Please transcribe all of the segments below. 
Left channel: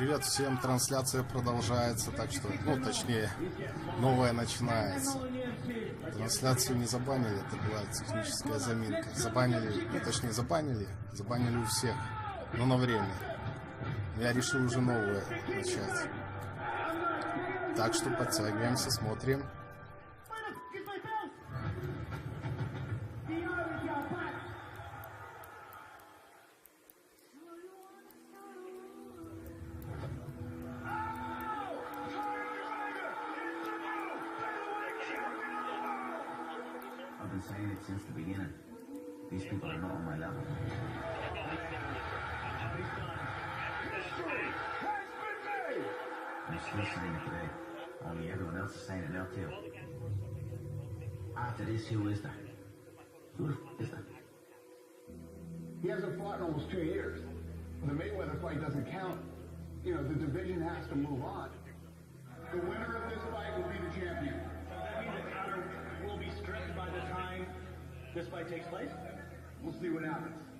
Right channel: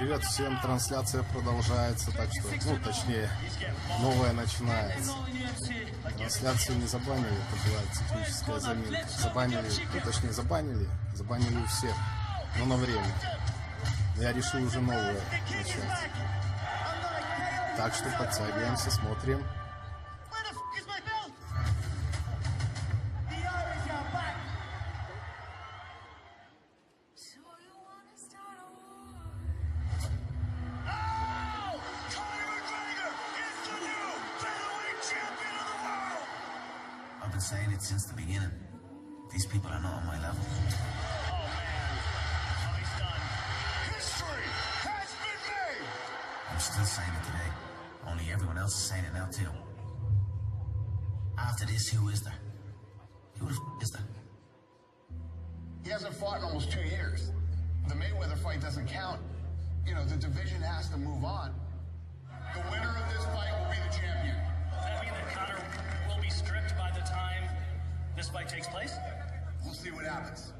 Привет всем, трансляция продолжается, так что, ну, точнее, новая начинается. Трансляцию не забанили, это была техническая заминка. Забанили, ну, точнее, забанили у всех, но на время. Я решил уже новое начать. Так что подтягиваемся, смотрим. I've been saying it since the beginning. These people are not on my level. Oh man, how he's done. History has been made! I'm still saying it today. Only everyone else is saying it now too. After this, who is there? Who the f is there? He hasn't fought in almost 2 years. The Mayweather fight doesn't count. You know, the division has to move on. The winner of this fight will be the champion. Does that mean that Conor will be stripped by the time this fight takes place? We'll see what happens.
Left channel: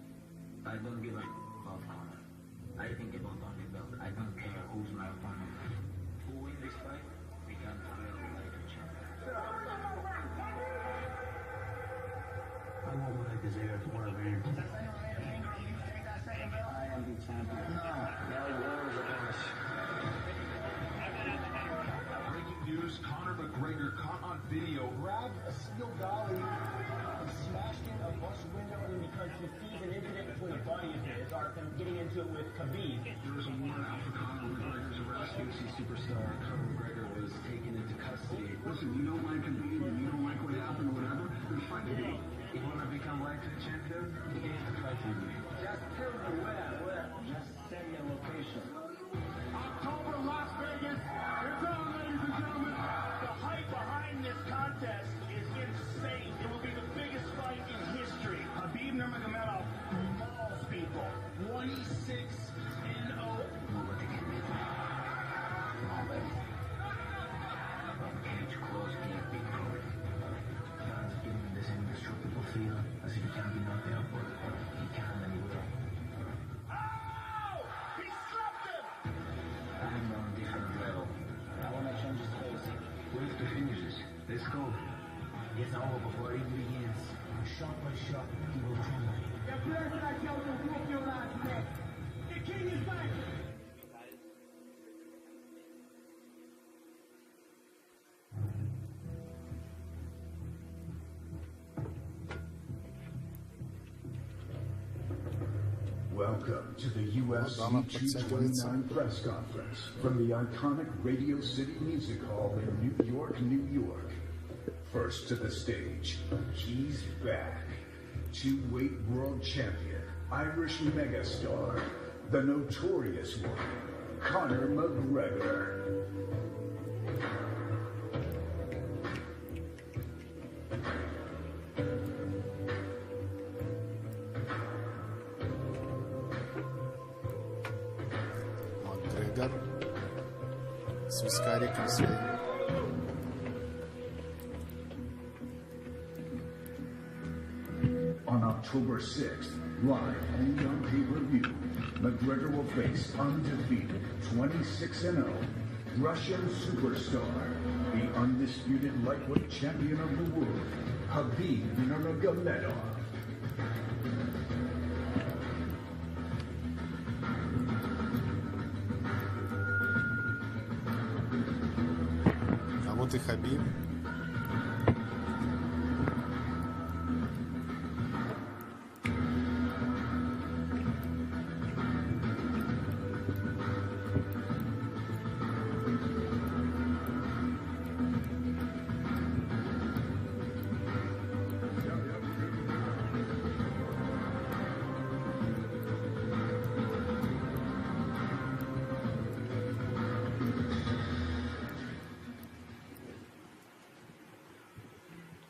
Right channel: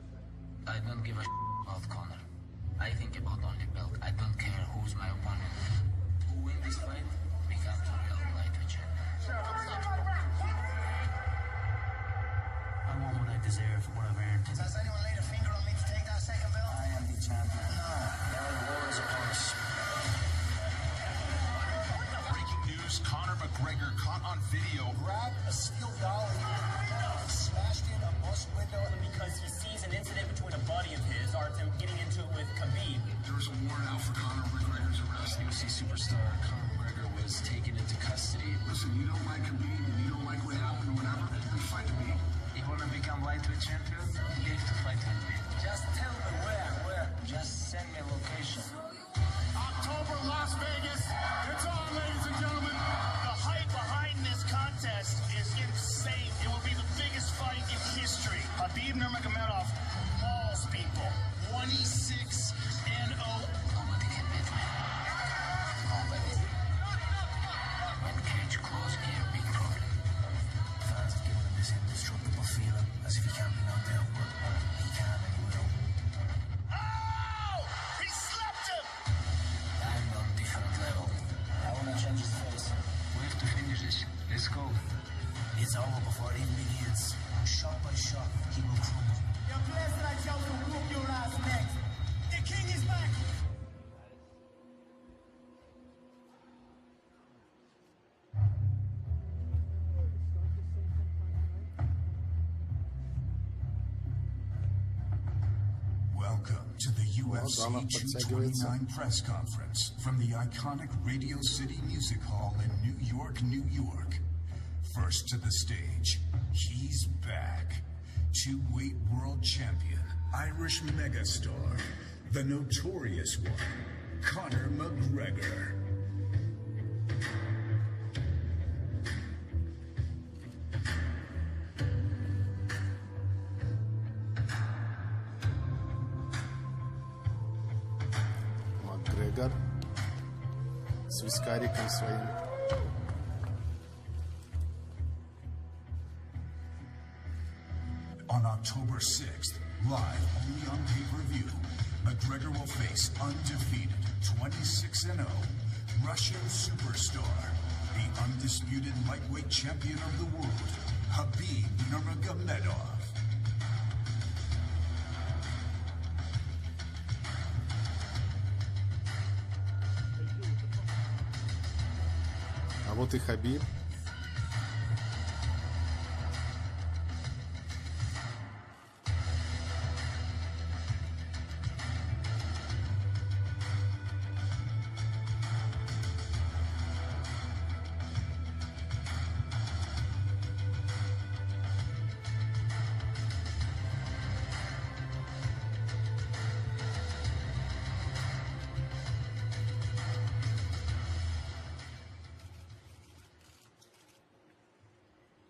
I don't give a about Conor. I think about only belt. I don't care who's my opponent. Who wins this fight becomes the real lightweight champion. I won't go like deserve what I've earned. Does anyone lay a finger on me to take that second belt? I am the champion. No. The old war's upon us. Breaking news, Conor McGregor caught on video. Grabbed a steel dolly and smashed in a bus window. Because he sees an incident between a buddy of his, or him getting into it with Khabib. There was a warrant out for Conor McGregor's arrest. UFC superstar Conor McGregor was taken into custody. Listen, you don't like Khabib and you don't like what happened or whatever, then fight me. You want to become lightweight champion? You have to fight with me. Just tell me where. Just send me a location. October, Las Vegas. It's on, ladies and gentlemen. The hype behind this contest is insane. It will be the biggest fight in history. Khabib Nurmagomedov mauls people. 26-0. Nobody can beat me. Nobody. When cage close, gear, big problem. Fans have given him this indestructible feeling, as if he can't be knocked out, but he can and he will. Oh! He slapped him! I'm on a different level. I want to change his face. We have to finish this. Let's go. It's over before it even begins. Shot by shot, he will crumble. You're blessed that Joseph whoop your ass next. The king is back! Welcome to the UFC Danach podтягивается. 229 press conference from the iconic Radio City Music Hall in New York, New York. First to the stage, he's back. Two-weight world champion, Irish megastar, the notorious one, Conor McGregor. Макгрегор с вискариком своим. On October 6th, live only on pay-per-view, McGregor will face undefeated 26-0 Russian superstar, the undisputed lightweight champion of the world, Khabib Nurmagomedov. А вот и Хабиб.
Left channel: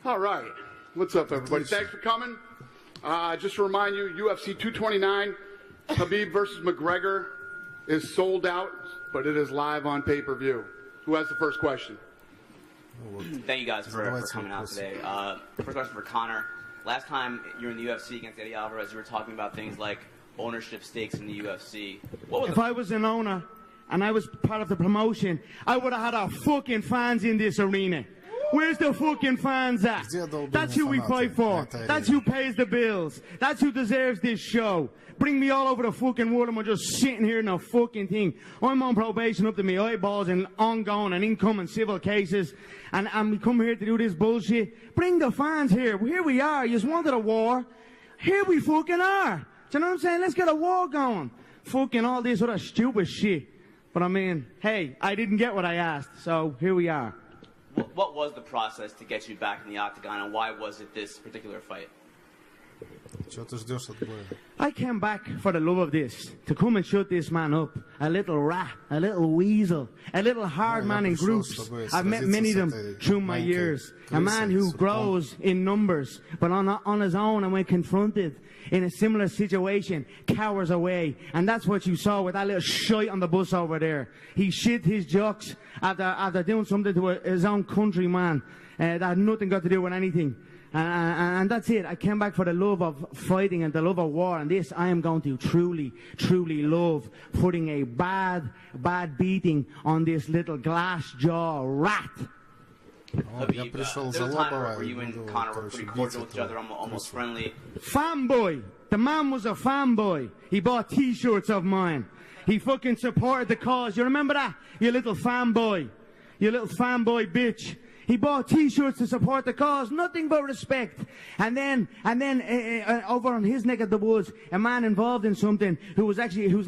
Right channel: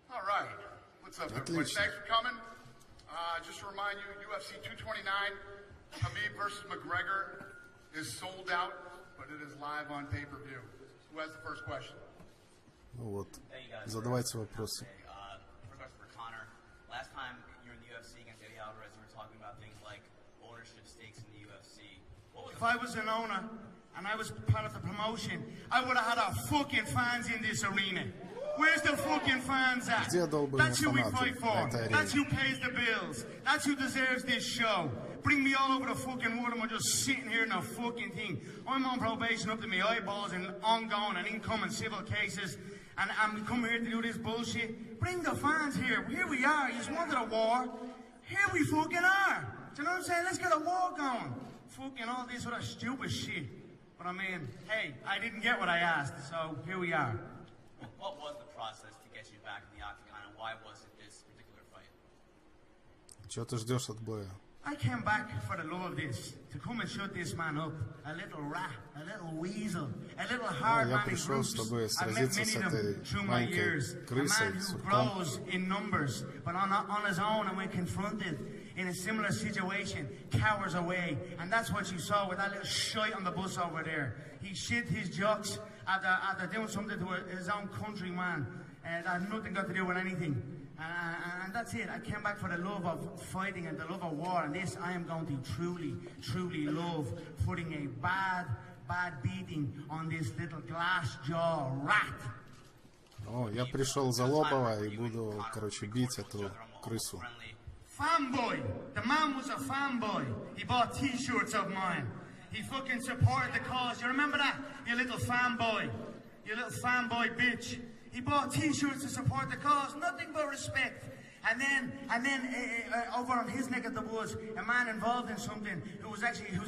All right. What's up, everybody? Thanks for coming. Just to remind you, UFC 229, Khabib versus McGregor is sold out, but it is live on pay-per-view. Who has the first question? Thank you guys for coming out today. First question for Conor. Last time you were in the UFC against Eddie Alvarez, you were talking about things like ownership stakes in the UFC. What was if I was an owner, and I was part of the promotion, I would have had our fucking fans in this arena. Where's the fucking fans at? That's who we fight for. That's who pays the bills. That's who deserves this show. Bring me all over the fucking world and we're just sitting here in a fucking thing. I'm on probation up to my eyeballs and ongoing and incoming civil cases. And I'm coming here to do this bullshit. Bring the fans here. Here we are. You just wanted a war. Here we fucking are. Do you know what I'm saying? Let's get a war going. Fucking all this other stupid shit. But I mean, hey, I didn't get what I asked, so here we are. What was the process to get you back in the octagon, and why was it this particular fight? Чего ты ждешь от боя? I came back for the love of this, to come and shut this man up. A little rat, a little weasel, a little hard man in groups. I've met many of them through my years. A man who grows in numbers, but on his own, and when confronted in a similar situation, cowers away. And that's what you saw with that little shite on the bus over there. He shit his jocks after doing something to his own countryman that had nothing got to do with anything. And that's it. I came back for the love of fighting and the love of war. And this I am going to truly, truly love, putting a bad beating on this little glass jaw rat. Я пришел за Лобова и буду, короче, бить эту крысу. Fanboy! The man was a fanboy. He bought t-shirts of mine. He fucking supported the cause. You remember that? You little fanboy. You little fanboy bitch. He bought t-shirts to support the cause. Nothing but respect. And then over on his neck of the woods, a man involved in something who's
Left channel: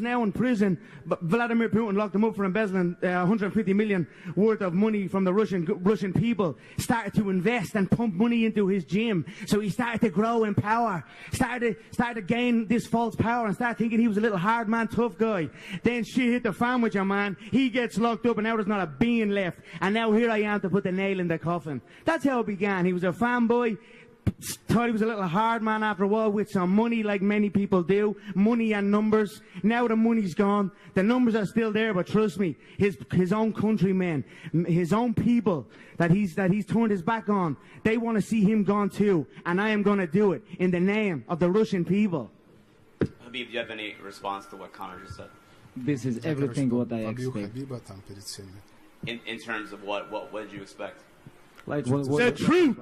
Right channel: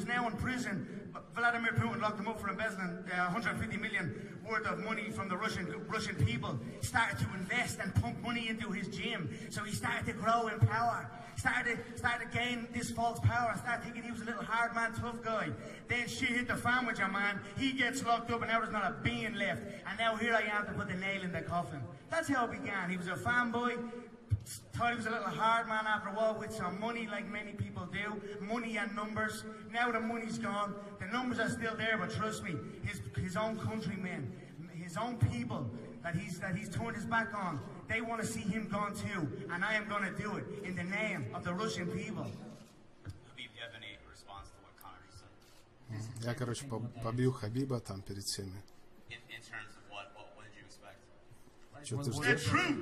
now in prison. But Vladimir Putin locked him up for embezzling 150 million worth of money from the Russian people. Started to invest and pump money into his gym. So he started to grow in power. Started to gain this false power and started thinking he was a little hard man, tough guy. Then shit hit the fan with your man. He gets locked up and now there's not a bean left. And now here I am to put the nail in the coffin. That's how it began. He was a fanboy. Thought he was a little hard man after a while with some money, like many people do. Money and numbers. Now the money's gone. The numbers are still there, but trust me, his own countrymen, his own people that he's turned his back on, they want to see him gone too. And I am going to do it in the name of the Russian people. Habib, do you have any response to what Conor just said? This is everything what I expect. In terms of what did you expect? Like the truth,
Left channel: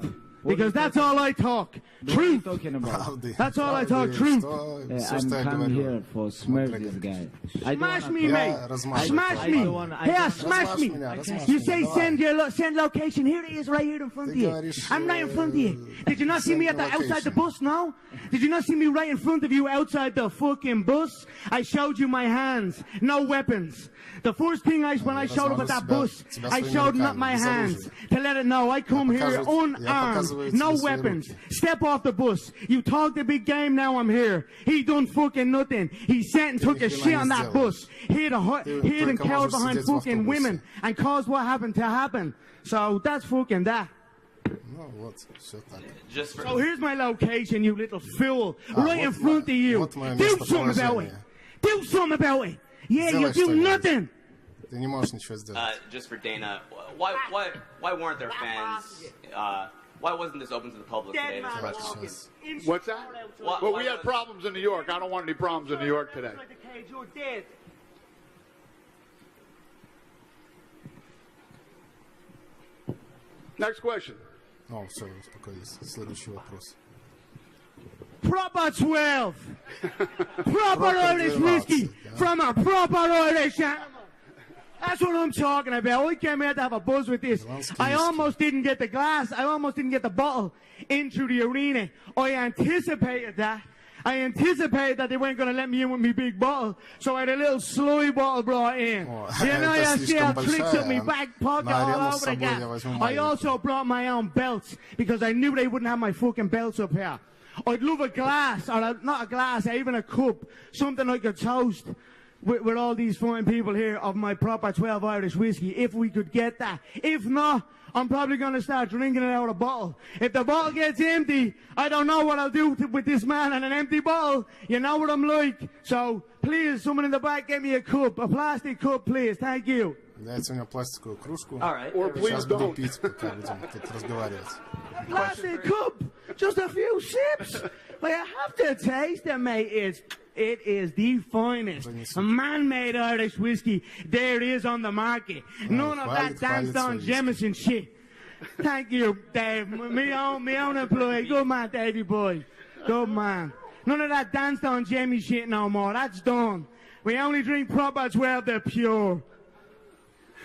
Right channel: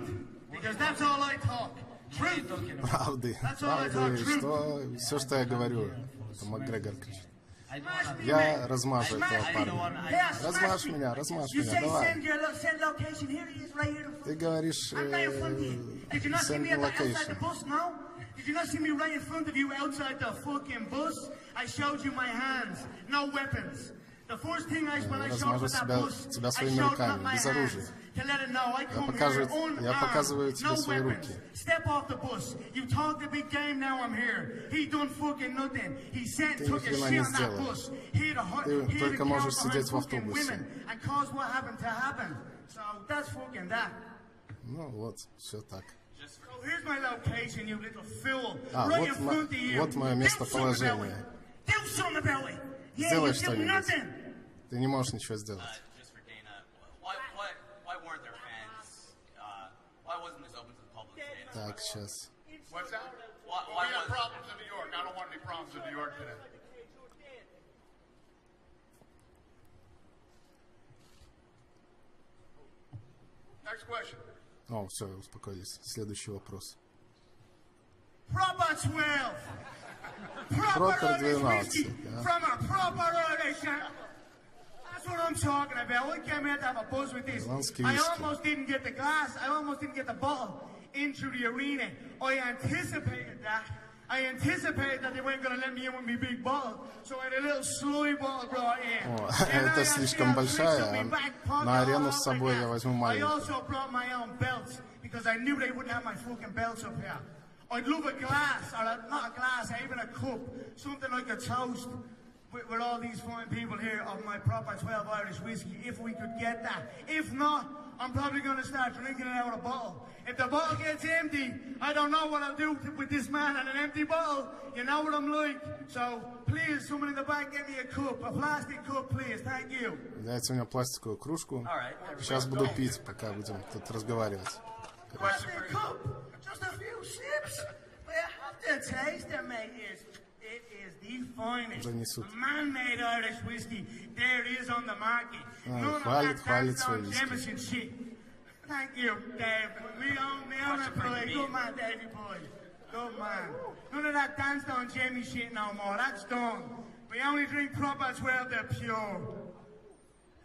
because that's all I talk. Truth. That's all I talk. Truth. Все, что я говорю, Макгрегор. Smash me, Я размажу этого парня. Yeah, smash меня, You say send location. Here it is, right here in front of you. I'm right in front of you. Did you not see me outside the bus? No. Did you not see me right in front of you outside the fucking bus? I showed you my hands, no weapons. The first thing when I showed up at that bus, I showed not my hands to let it know I come here unarmed, no weapons. Step off the bus. You talk the big game, now I'm here. He done fucking nothing. He sat and took a shit on that bus. Hid and killed behind fucking women and caused what happened to happen. So that's fucking that. Ну вот, все так. So here's my location, you little fool. Right in front of you. Вот мое местоположение. Do something about it. Yeah, you do nothing. Ты не можешь ничего сделать. Just for Dana, why weren't there fans? Why wasn't this open to the public today? What's that? Well, we had problems in New York. I don't want any problems in New York today. Next question. О, все, успокоились. Следующий вопрос. Proper 12. Proper Irish whiskey from a proper Irish animal. That's what I'm talking about. We came here to have a buzz with this. I almost didn't get the glass. I almost didn't get the bottle into the arena. I anticipated that. I anticipated that they weren't going to let me in with my big bottle, so I had a little slurry bottle brought in. Это слишком большая. На арену с собой я возьму I also brought my own belts because I knew they wouldn't have my fucking belts up here. I'd love a glass, or not a glass, even a cup, something like a toast with all these fine people here of my proper 12 Irish whiskey, if we could get that. If not, I'm probably going to start drinking it out of a bottle. If the bottle gets empty, I don't know what I'll do with this man and an empty bottle. You know what I'm like. So, please, someone in the back, give me a cup, a plastic cup, please. Thank you. Дайте мне пластиковую кружку. Сейчас буду пить, пока будем тут разговаривать. Plastic cup, just a few sips. But you have to taste it, mate. It is the finest man-made Irish whiskey there is on the market. None of that Danstone Jameson shit. Thank you, Dave. Me own employee. Good man, Davey boy. Good man. None of that Danstone Jamie shit no more. That's done. We only drink proper 12, they're pure.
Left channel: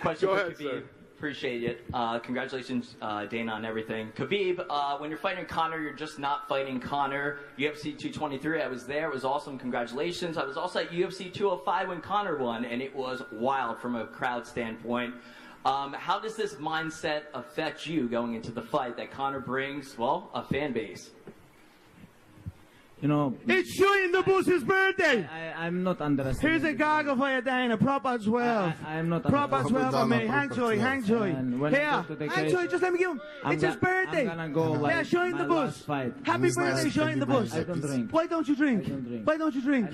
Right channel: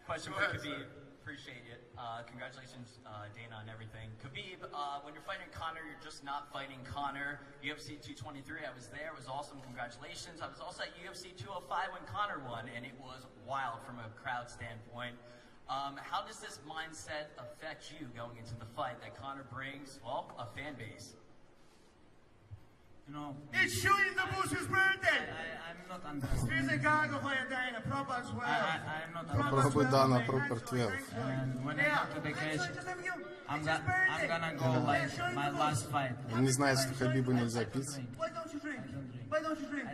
Question for Khabib. Appreciate it. Congratulations, Dana, on everything. Khabib, when you're fighting Conor, you're just not fighting Conor. UFC 223, I was there. It was awesome. Congratulations. I was also at UFC 205 when Conor won, and it was wild from a crowd standpoint. How does this mindset affect you going into the fight that Conor brings, well, a fan base? You know, it's Shane the Bush's birthday. I'm not underestimating. Here's a gargle for you, Dana. Proper 12. I'm not proper 12 for me. Hang joy. Here, hang joy. Just let me go. It's his birthday. I'm gonna go yeah, Shane the Bush. Happy birthday, Shane the Bush. Why don't you drink? Why don't you drink?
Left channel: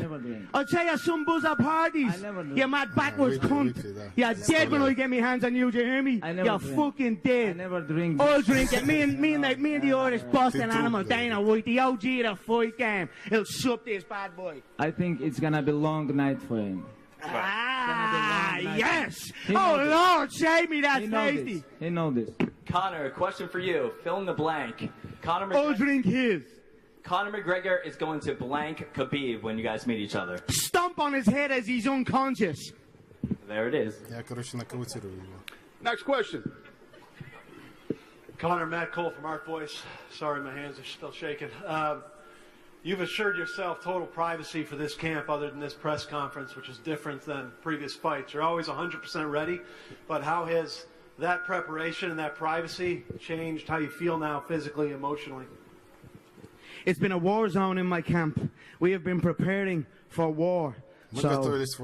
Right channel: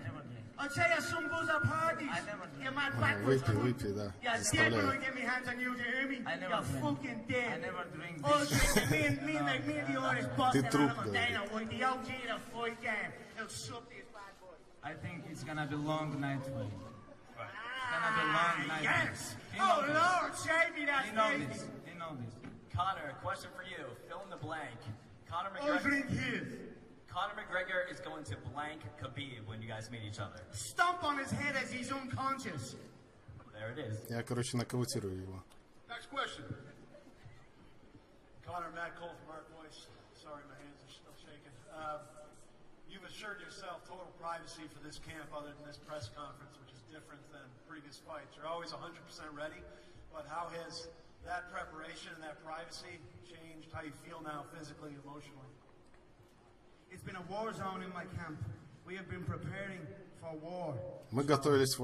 I'll tell you some buzz at parties. You mad backwards cunt. You're dead when I get my hands on you. Do you hear me? You're fucking dead. I never drink. I'll drink it. Me and the Irish Boston animal, Dana White, the OG of the fight game. He'll sup this bad boy. I think it's gonna be a long night for him. Ah, yes! Oh, Lord, save me, that's tasty. He knows this. Conor, a question for you. Fill in the blank. I'll drink his. Conor McGregor is going to blank Khabib when you guys meet each other. Stomp on his head as he's unconscious. There it is. Я, короче, нокаутирую его. Next question. Conor, Matt Cole from Art Voice. Sorry, my hands are still shaking. You've assured yourself total privacy for this camp other than this press conference, which is different than previous fights. You're always 100% ready, but how has that preparation and that privacy changed how you feel now physically, emotionally? It's been a war zone in my camp. We have been preparing for war. So,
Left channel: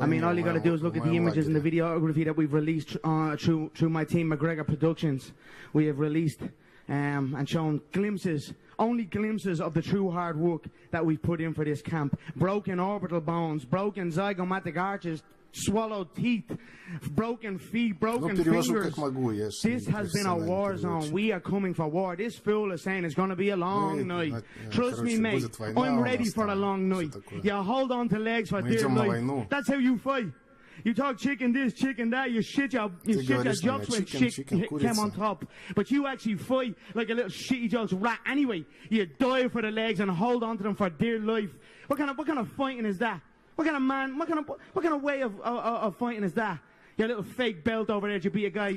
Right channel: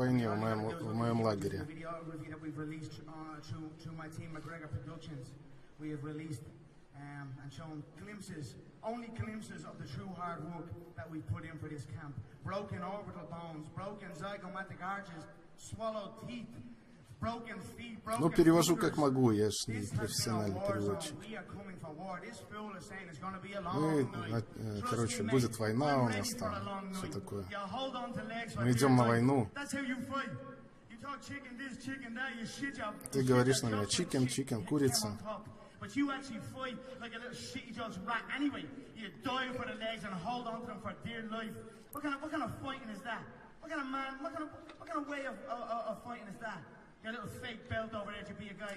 I mean, all you got to do is look at the images and the videography that we've released through my team, McGregor Productions. We have released and shown glimpses, only glimpses of the true hard work that we've put in for this camp. Broken orbital bones, broken zygomatic arches, swallowed teeth, broken feet, broken fingers. This has been a war zone. We are coming for war. This fool is saying it's going to be a long night. Trust me, mate. I'm ready for a long night. You hold on to legs for dear life. That's how you fight. You talk chicken this, chicken that, you shit your jokes when shit came on top. But you actually fight like a little shitty jokes rat anyway. You dive for the legs and hold on to them for dear life. What kind of fighting is that? What kind of way of fighting is that? Your little fake belt over there to be a guy,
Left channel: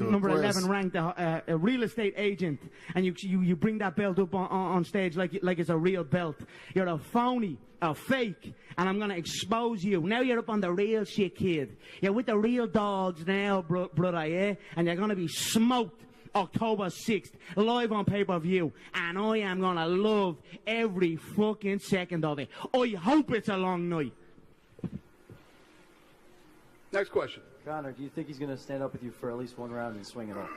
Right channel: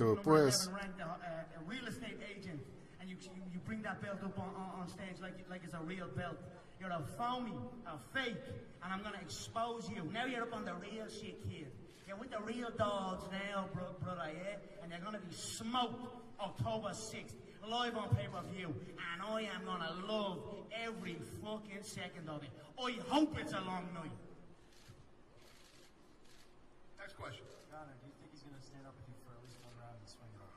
number 11 ranked, a real estate agent, and you bring that belt up on stage like it's a real belt. You're a phony, a fake, and I'm gonna expose you. Now you're up on the real shit, kid. You're with the real dogs now, brother, yeah? And you're gonna be smoked October 6th, live on pay-per-view, and I am gonna love every fucking second of it. I hope it's a long night. Next question. Conor, do you think he's going to stand up with you for at least one round and swing it off?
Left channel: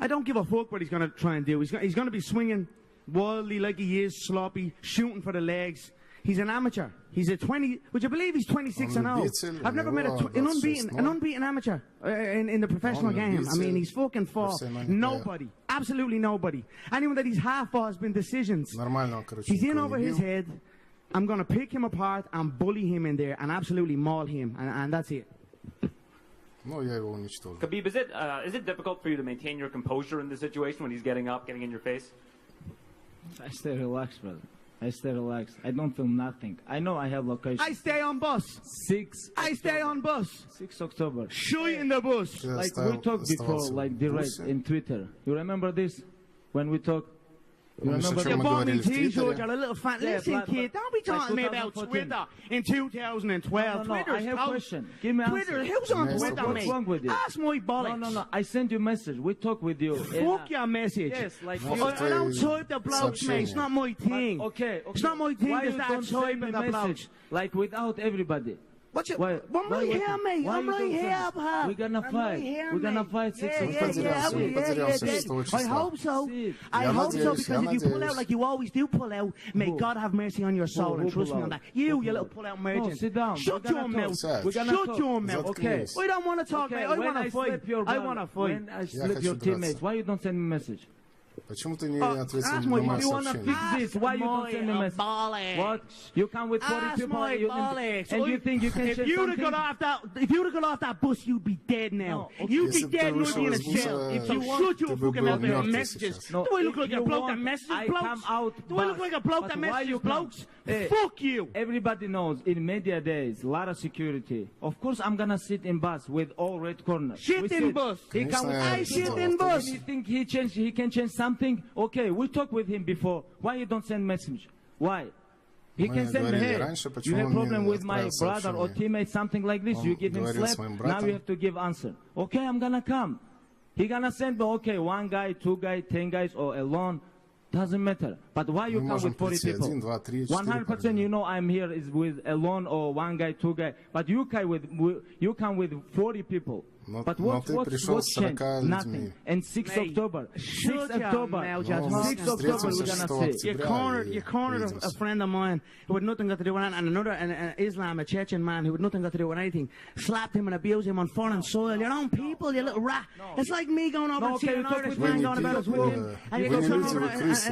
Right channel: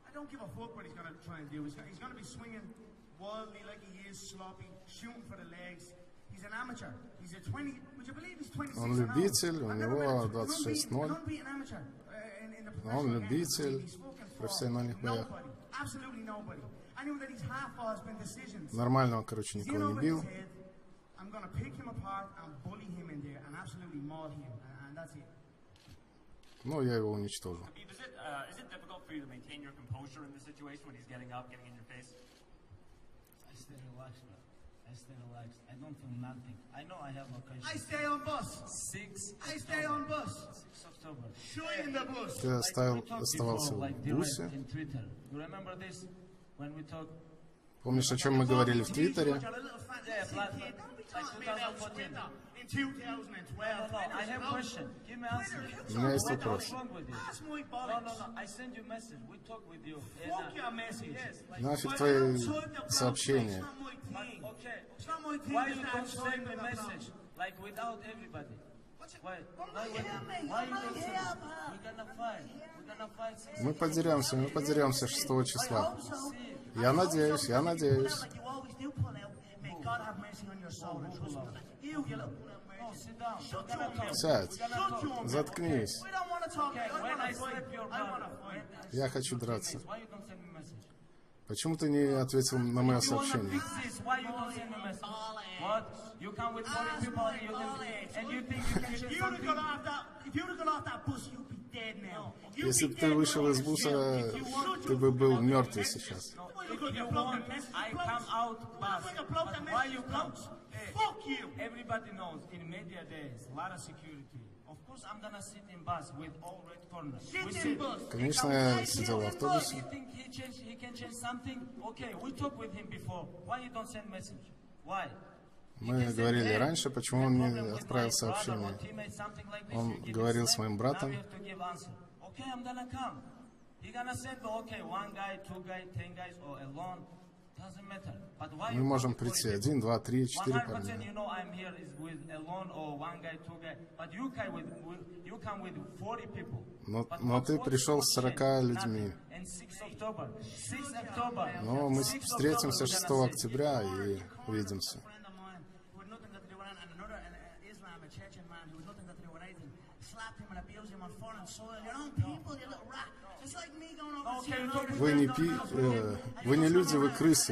I don't give a fuck what he's going to try and do. He's going to be swinging wildly like he is, sloppy, shooting for the legs. He's an amateur. He's a 20. Would you believe he's 26 and old? I've never met an unbeaten amateur in the professional game. I mean, he's fucking fought nobody, absolutely nobody. Anyone that he's half fought has been decisions. He's in over his head. I'm going to pick him apart and bully him in there and absolutely maul him, and that's it. Khabib, is it difficult for you to maintain your composure in this situation when he's getting up, getting in your face? I stay relaxed, brother. I stay relaxed. I don't feel nothing. I know I have location. I stay on bus. 6. I stay on bus. 6 October. Shoot in the bus. Like we talked before, like direct in Twitter. You remember this? When we talked. Помнишь, о чем мы говорили в Твиттере? Listen, kid, don't be talking me about Twitter in 2012. No, I have a question. Give me an Twitter, who's on Twitter, what's wrong with you? Ask my bollocks. No. I sent you a message. We talk with you. Fuck your message. Yes, like I don't type the blogs, mate. It's not my thing. Okay. It's not my thing. Why It's you don't typing send the me blogs. message? Like without everybody. I'm right here, mate. I'm right here, pal. We're gonna fight. We're gonna fight 6 Мы подеремся 6 числа. I hope so. Я надеюсь, you pull out like you always do pull out, may God have mercy on your soul and trust me on that. You little pull out merchant. Sit down. Shut your mouth. Shut your mouth. Okay. I don't want to talk, mate. I want to fight. I want to fight. I slap your teammates. Why you don't send me a message? Почему ты не ответил на мое сообщение? Why you don't send a message? What? You come with 40 people and you think you can If you'd have got off that bus, you'd be dead now. Если бы ты вышел из буса, ты бы был мертвый сейчас. Do I look like a bloke that messages blokes? Do I look like a bloke that messages blokes? Fuck you! Everybody knows in media days, a lot of security. Of course, I'm gonna sit in bus with all red corners. Shit in bus! Конечно, я сидел в автобусе. You think he can change something? Okay, we talked with him before. Why you don't send message? Why? Мы говорили раньше, почему он не отправил сообщение. Он говорил с моим братом. Okay, I'm gonna come. He gonna send me, okay, 1 guy, 2 guys, 10 guys, or alone. Doesn't matter. But why you Мы come можем with 40 прийти people? 1, 2, 3, 4 100% you know I'm here is with alone or 1 guy, 2 guys. But you come with 40 people. Но ты пришел с 40 людьми. And 6 October. 6 October. Но мы встретимся 6 октября и a увидимся. friend of mine who had nothing got to do with it, and another an Islam, a Chechen man who had nothing got to do with anything, slapped him and abused him on foreign soil. Your own people, you little rat. It's like me going over and seeing an Irish man going about his way. Вы не люди, вы крысы.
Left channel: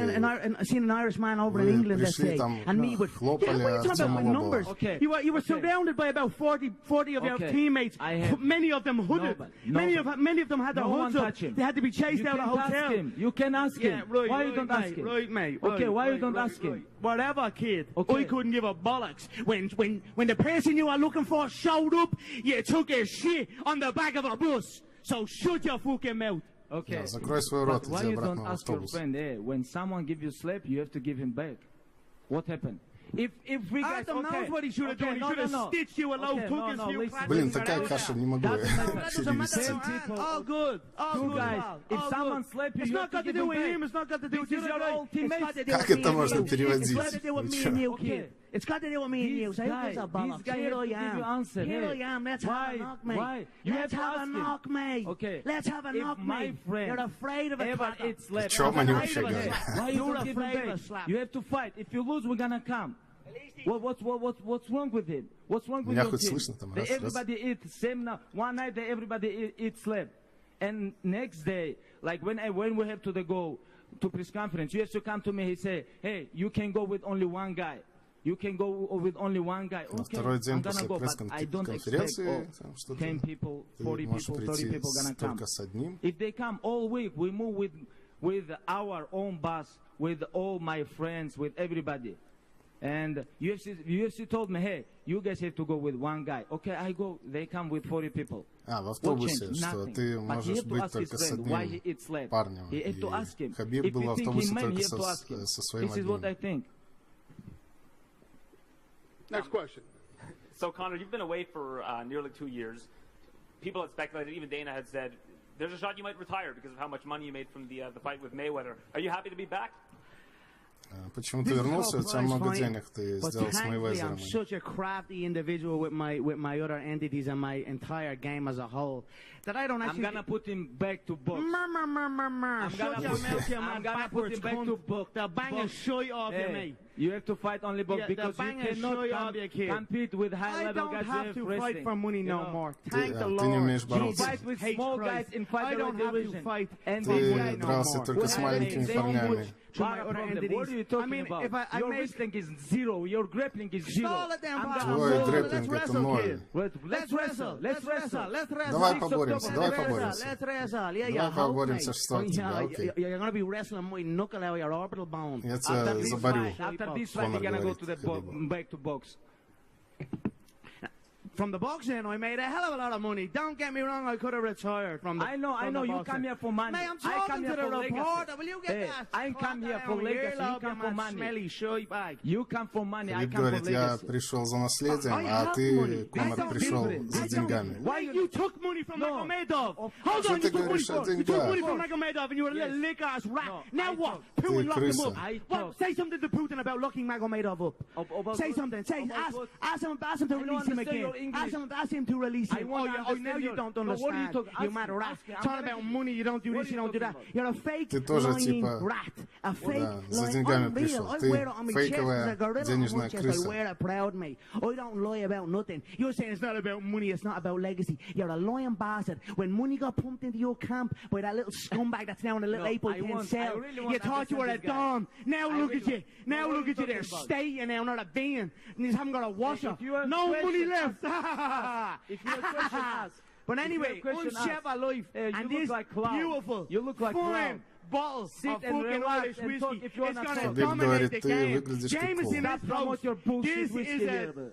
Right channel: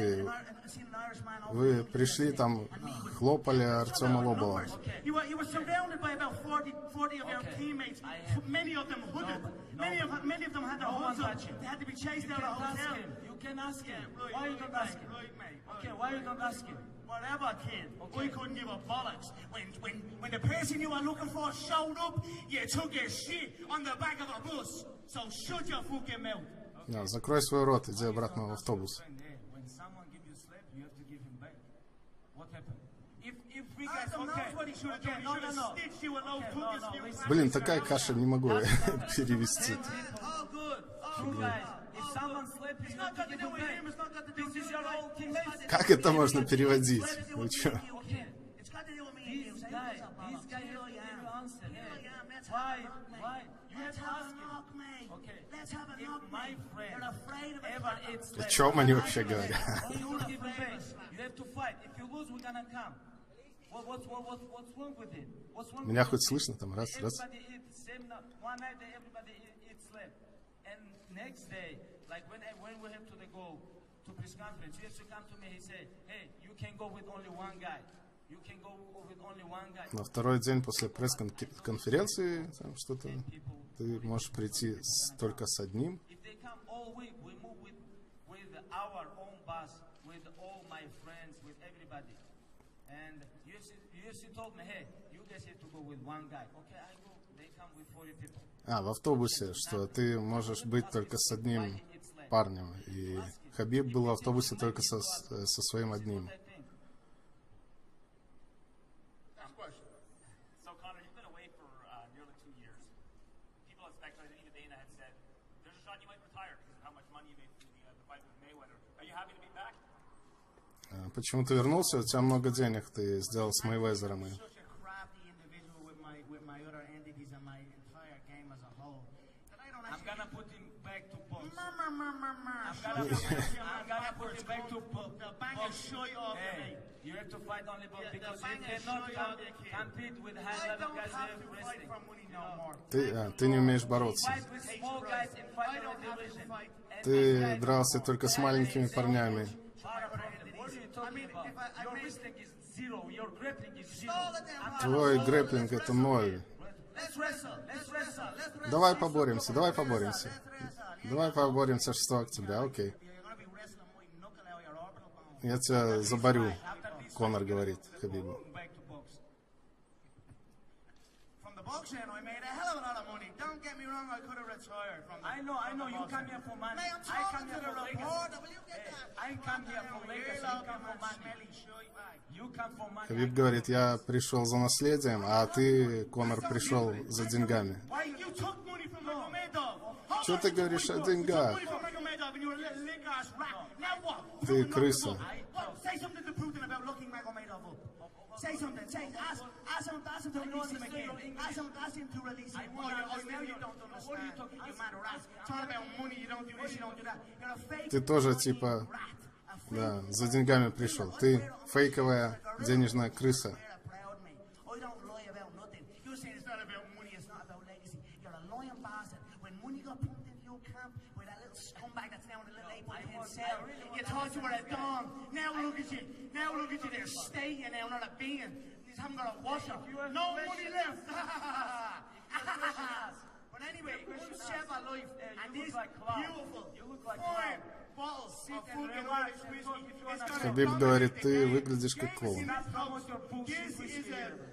Seeing an Irish man over in Вы England, let's пришли say, там, and me with хлопали Артема Лобова. You were surrounded by about 40 of your teammates. Many of them hooded. Many of them had their hoods up. They had to be chased out of the hotel. You can ask him. Why you don't ask him? Right, mate. Okay, why you don't ask him? Whatever, kid. I couldn't give a bollocks. When the person you were looking for showed up, you took a shit on the back of a bus. So shut your fucking mouth. Да, закрой свой рот, иди обратно в автобус. When someone give you slap, you have to give him back. What happened? If we guys, what he should have done. He should have stitched you a low Блин, такая каша, не могу перевести. All good. All guys. If someone slap you, it's not got to do with him. It's not got to do with you. Как это можно переводить? Вы чё? It's got to do with me and you. Say, who's a bollocks? Here I am. Here I am. Let's have a knock, mate. Why? Let's have a knock, mate. Okay. Let's have a knock, mate. You're afraid of it. О чем они вообще говорят? You're afraid of a slap. You have to fight. If you lose, we're gonna come. What's wrong with it? What's wrong with Меня хоть слышно там, раз. Everybody eats same now. One night everybody eats slap. And next day, like when we have to go to press conference, you have to come to me. He say, hey, you can go with only 1 guy. You can go with only 1 guy. На второй день после пресс-конференции что-то ты можешь прийти только с одним. If they come all week, we move with our own bus, with all my friends, with everybody. And UFC told me, hey, you guys have to go with 1 guy. Okay, I go. They come with 40 people. В автобусе, что ты можешь быть только с одним парнем. И Хабиб был в автобусе только со своим одним. Next question. So, Conor, you've been away for nearly 2 years. People have speculated, even Dana had said, there's a shot you might retire because of how much money you made from the fight with Mayweather. Are you happy to be back? Почему ты вернулся? У тебя много денег, ты сделал с Мейвезером. I'm such a crafty individual with my other entities and my entire game as a whole that I don't actually. I'm gonna put him back to box. I'm gonna put him back to box. They'll bang a shit off you, mate. You have to fight only box because you cannot compete with high level guys. I don't have to fight for money no more. Ты не умеешь бороться. Ты дрался только с маленькими парнями. What are you talking about? Your wrestling is 0. Your grappling is 0. Твой грэпплинг это 0. Let's wrestle. Давай поборемся. Давай поборемся 6 октября, окей. Я тебя заборю, Конор говорит Хабибу. From the boxing, I made a hell of a lot of money. Don't get me wrong, I could have retired from the. I know. You come here for money. Mate, I'm talking to the reporter. Will you get that? I come here for legacy. You come for money. Smelly shit bag. You come for money. Хабиб говорит, я пришел за наследием, а ты, Конор, пришел за деньгами. Что ты говоришь о деньгах? Ты крыса. Say something to Putin about locking Magomedov up. Say something. Ask him to release him again. Ask him to release him. Now you don't understand. You mad rat. Talking about money, you don't do this, you don't do that. You're a fake Ты тоже типа Да, за деньгами пришел. Ты фейковая денежная крыса. I don't lie about nothing. You're saying it's not about money, it's not about legacy. You're a lying bastard. When money got pumped into your camp by that little scumbag that's down in a little 8x10 cell, you thought you were a don. Now look at you. Now look at you. They're stating now, not a being. And you haven't got a washer. No money left. But anyway, one chef of life, and this beautiful, fine bottle of fucking Irish whiskey. Хабиб говорит, ты выглядишь как клоун.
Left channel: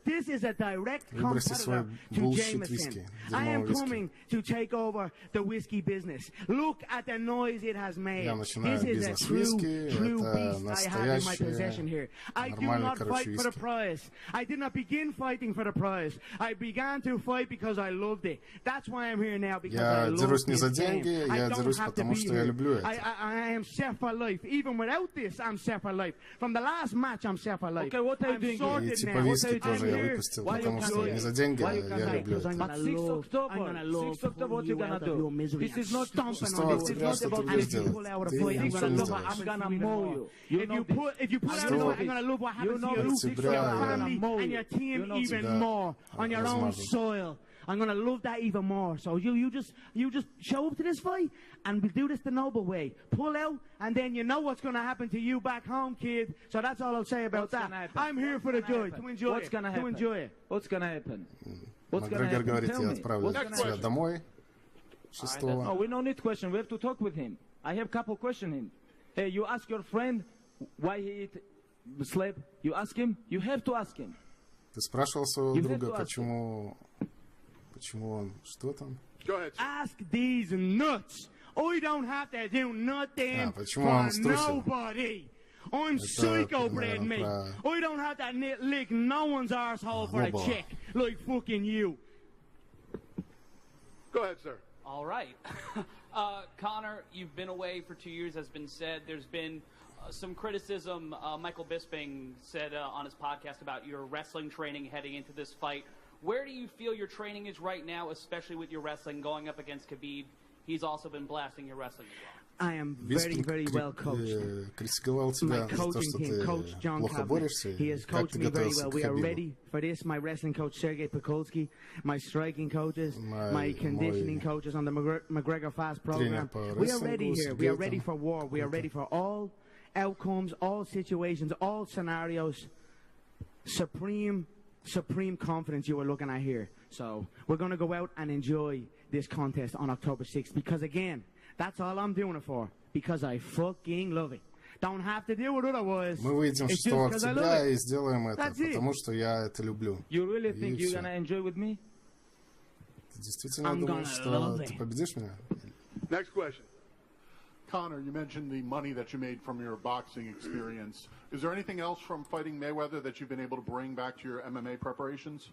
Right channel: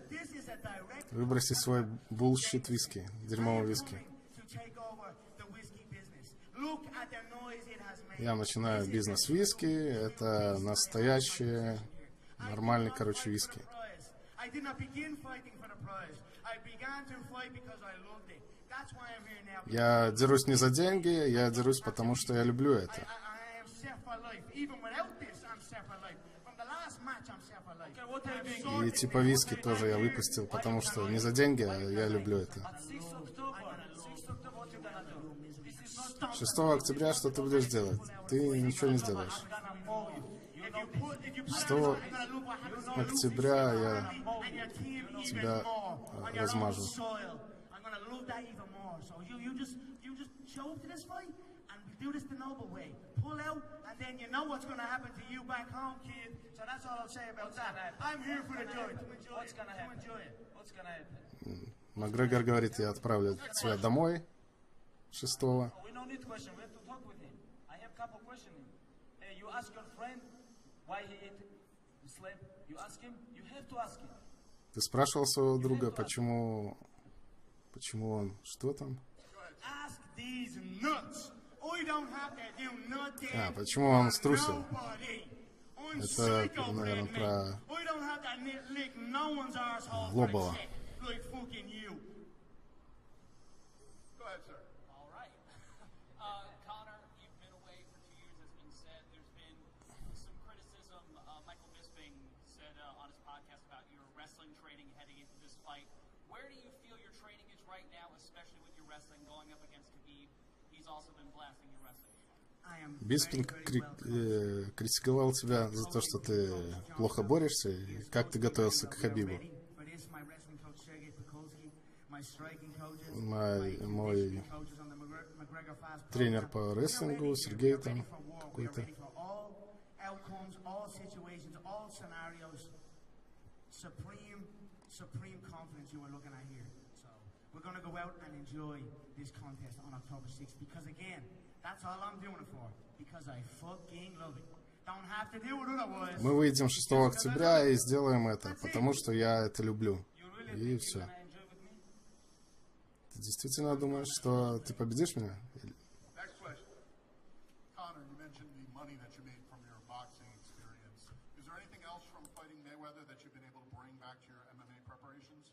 This is a direct Выброси свой bullshit виски, дерьмовый виски. Я начинаю бизнес виски, это настоящий, нормальный, короче, виски. Я дерусь не за деньги, я дерусь потому, что я люблю это. I am set for life. Even without this, I'm set for life. From the last match, I'm set for life. И типа виски тоже я выпустил, потому что не за деньги, а я люблю это. 6 октября что ты будешь делать? Ты ничего не сделаешь. 6 октября я тебя размажу. I'm gonna love that even more. So you just show up to this fight, and we do this the noble way. Pull out, and then you know what's gonna happen to you back home, kid. So that's all I'll say about that. I'm here for the joy, to enjoy it. To enjoy it. What's gonna happen? Макгрегор говорит, я отправлю тебя домой 6. No, we don't need question. We have to talk with him. I have couple questions him. Hey, you ask your friend why he slept. You ask him. You have to ask him. Ты спрашивал своего друга, почему он, что там? Ask these nuts. I don't have to do nothing. Почему он струсил? I'm Это, psycho, наверное, man. про I don't have to lick no one's arsehole for a check like fucking you. Go ahead, sir. All right. Conor, you've been away for 2 years, has been said. There's been some criticism. Michael Bisping said on his podcast about your wrestling training heading into this fight. Where do you feel your training is right now, especially with your wrestling going up against Khabib? He's also been blasting your wrestling as well. Биспин критиковал тебя за то, что ты плохо борешься, и как ты готовился к Хабибу. Мой тренер по рестлингу, Сергей, там, outcomes, all situations, all scenarios, supreme confidence you are looking at here. So we're going to go out and enjoy this contest on October 6th because again, that's all I'm doing it for, because I fucking love it. Don't have to do it otherwise. Мы выйдем 6 октября и сделаем это, потому что я это люблю. И все. Ты действительно думаешь, что ты победишь меня? Next question. Conor, you mentioned the money that you made from your boxing experience. Is there anything else from fighting Mayweather that you've been able to bring back to your MMA preparations?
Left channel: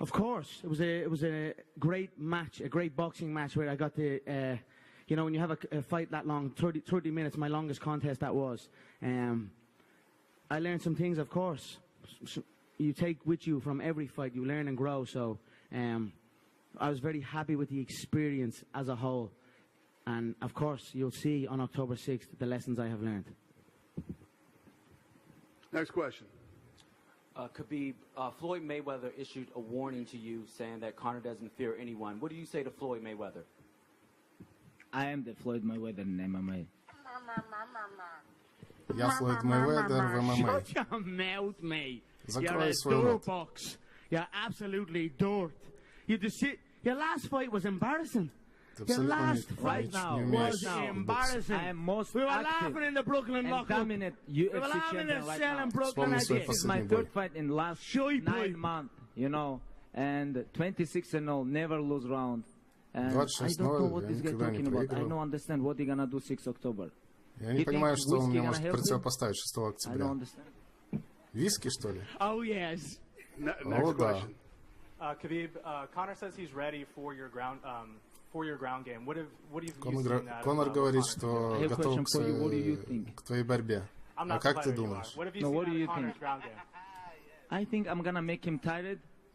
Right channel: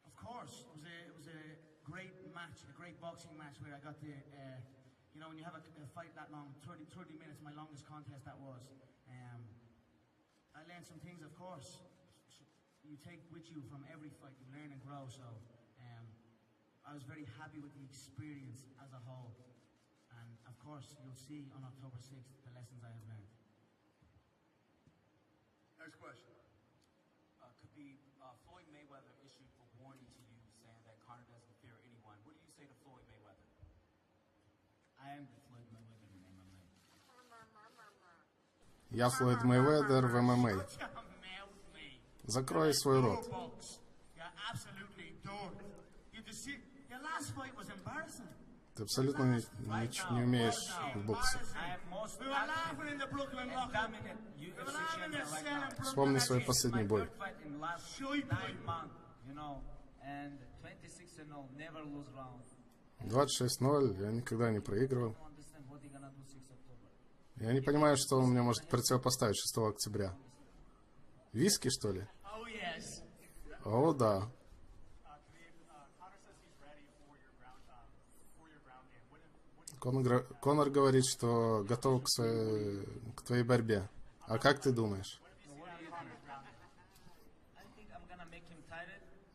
Of course. It was a great match, a great boxing match where I got to, you know, when you have a fight that long, 30 minutes, my longest contest that was. I learned some things, of course. You take with you from every fight, you learn and grow. So I was very happy with the experience as a whole. And of course, you'll see on October 6th the lessons I have learned. Next question. Khabib, Floyd Mayweather issued a warning to you saying that Conor doesn't fear anyone. What do you say to Floyd Mayweather? I am the Floyd Mayweather in MMA. Я Флойд Мэйведер в ММА. Закрой свой рот. You're absolutely dork. Your last fight was embarrassing. Ты абсолютно не умеешь боксить. Вспомни свой последний бой. 26-0, я никогда не проигрывал. Я не понимаю, что он мне может противопоставить 6 октября. Виски, что ли? О, да. Khabib, Conor says he's ready for your ground game. What have you Конор говорит, что готов к твоей борьбе. А как ты думаешь?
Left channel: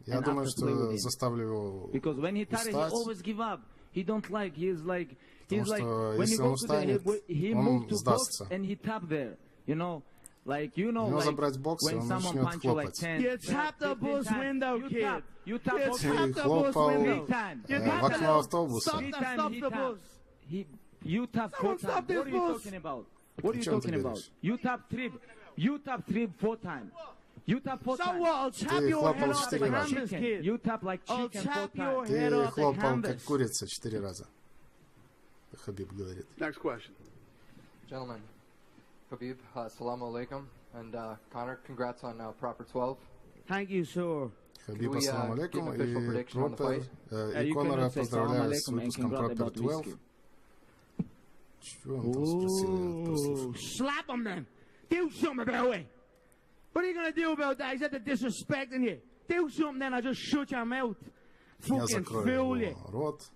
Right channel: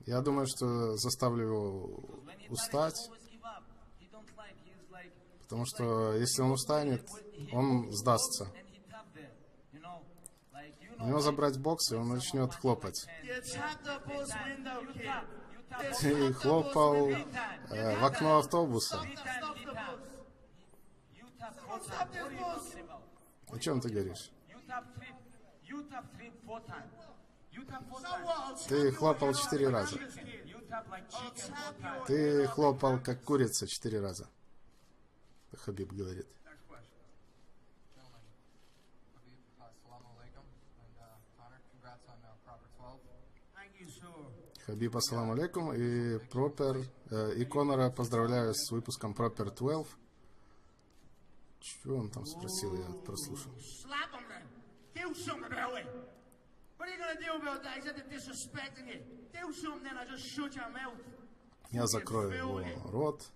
Я думаю, что заставлю его устать, Потому что если он устанет, он сдастся. Его забрать в бокс, и он начнет хлопать. Ты хлопал в окно автобуса. О чем ты говоришь? Ты хлопал 4 раза. Ты хлопал как курица 4 раза. Хабиб говорит. Gentlemen, Khabib, assalamu alaikum, and Conor, congrats on Proper 12. Thank you, sir. Хабиб, ассаламу алейкум, и Пропер, и Конора поздравляю с выпуском Proper 12. Чего он там спросил, я прослушал. Slap him then. Do something about it. What are you gonna do about that? He's at the disrespecting you. Do something then, I just shut your mouth. Я закрою его рот.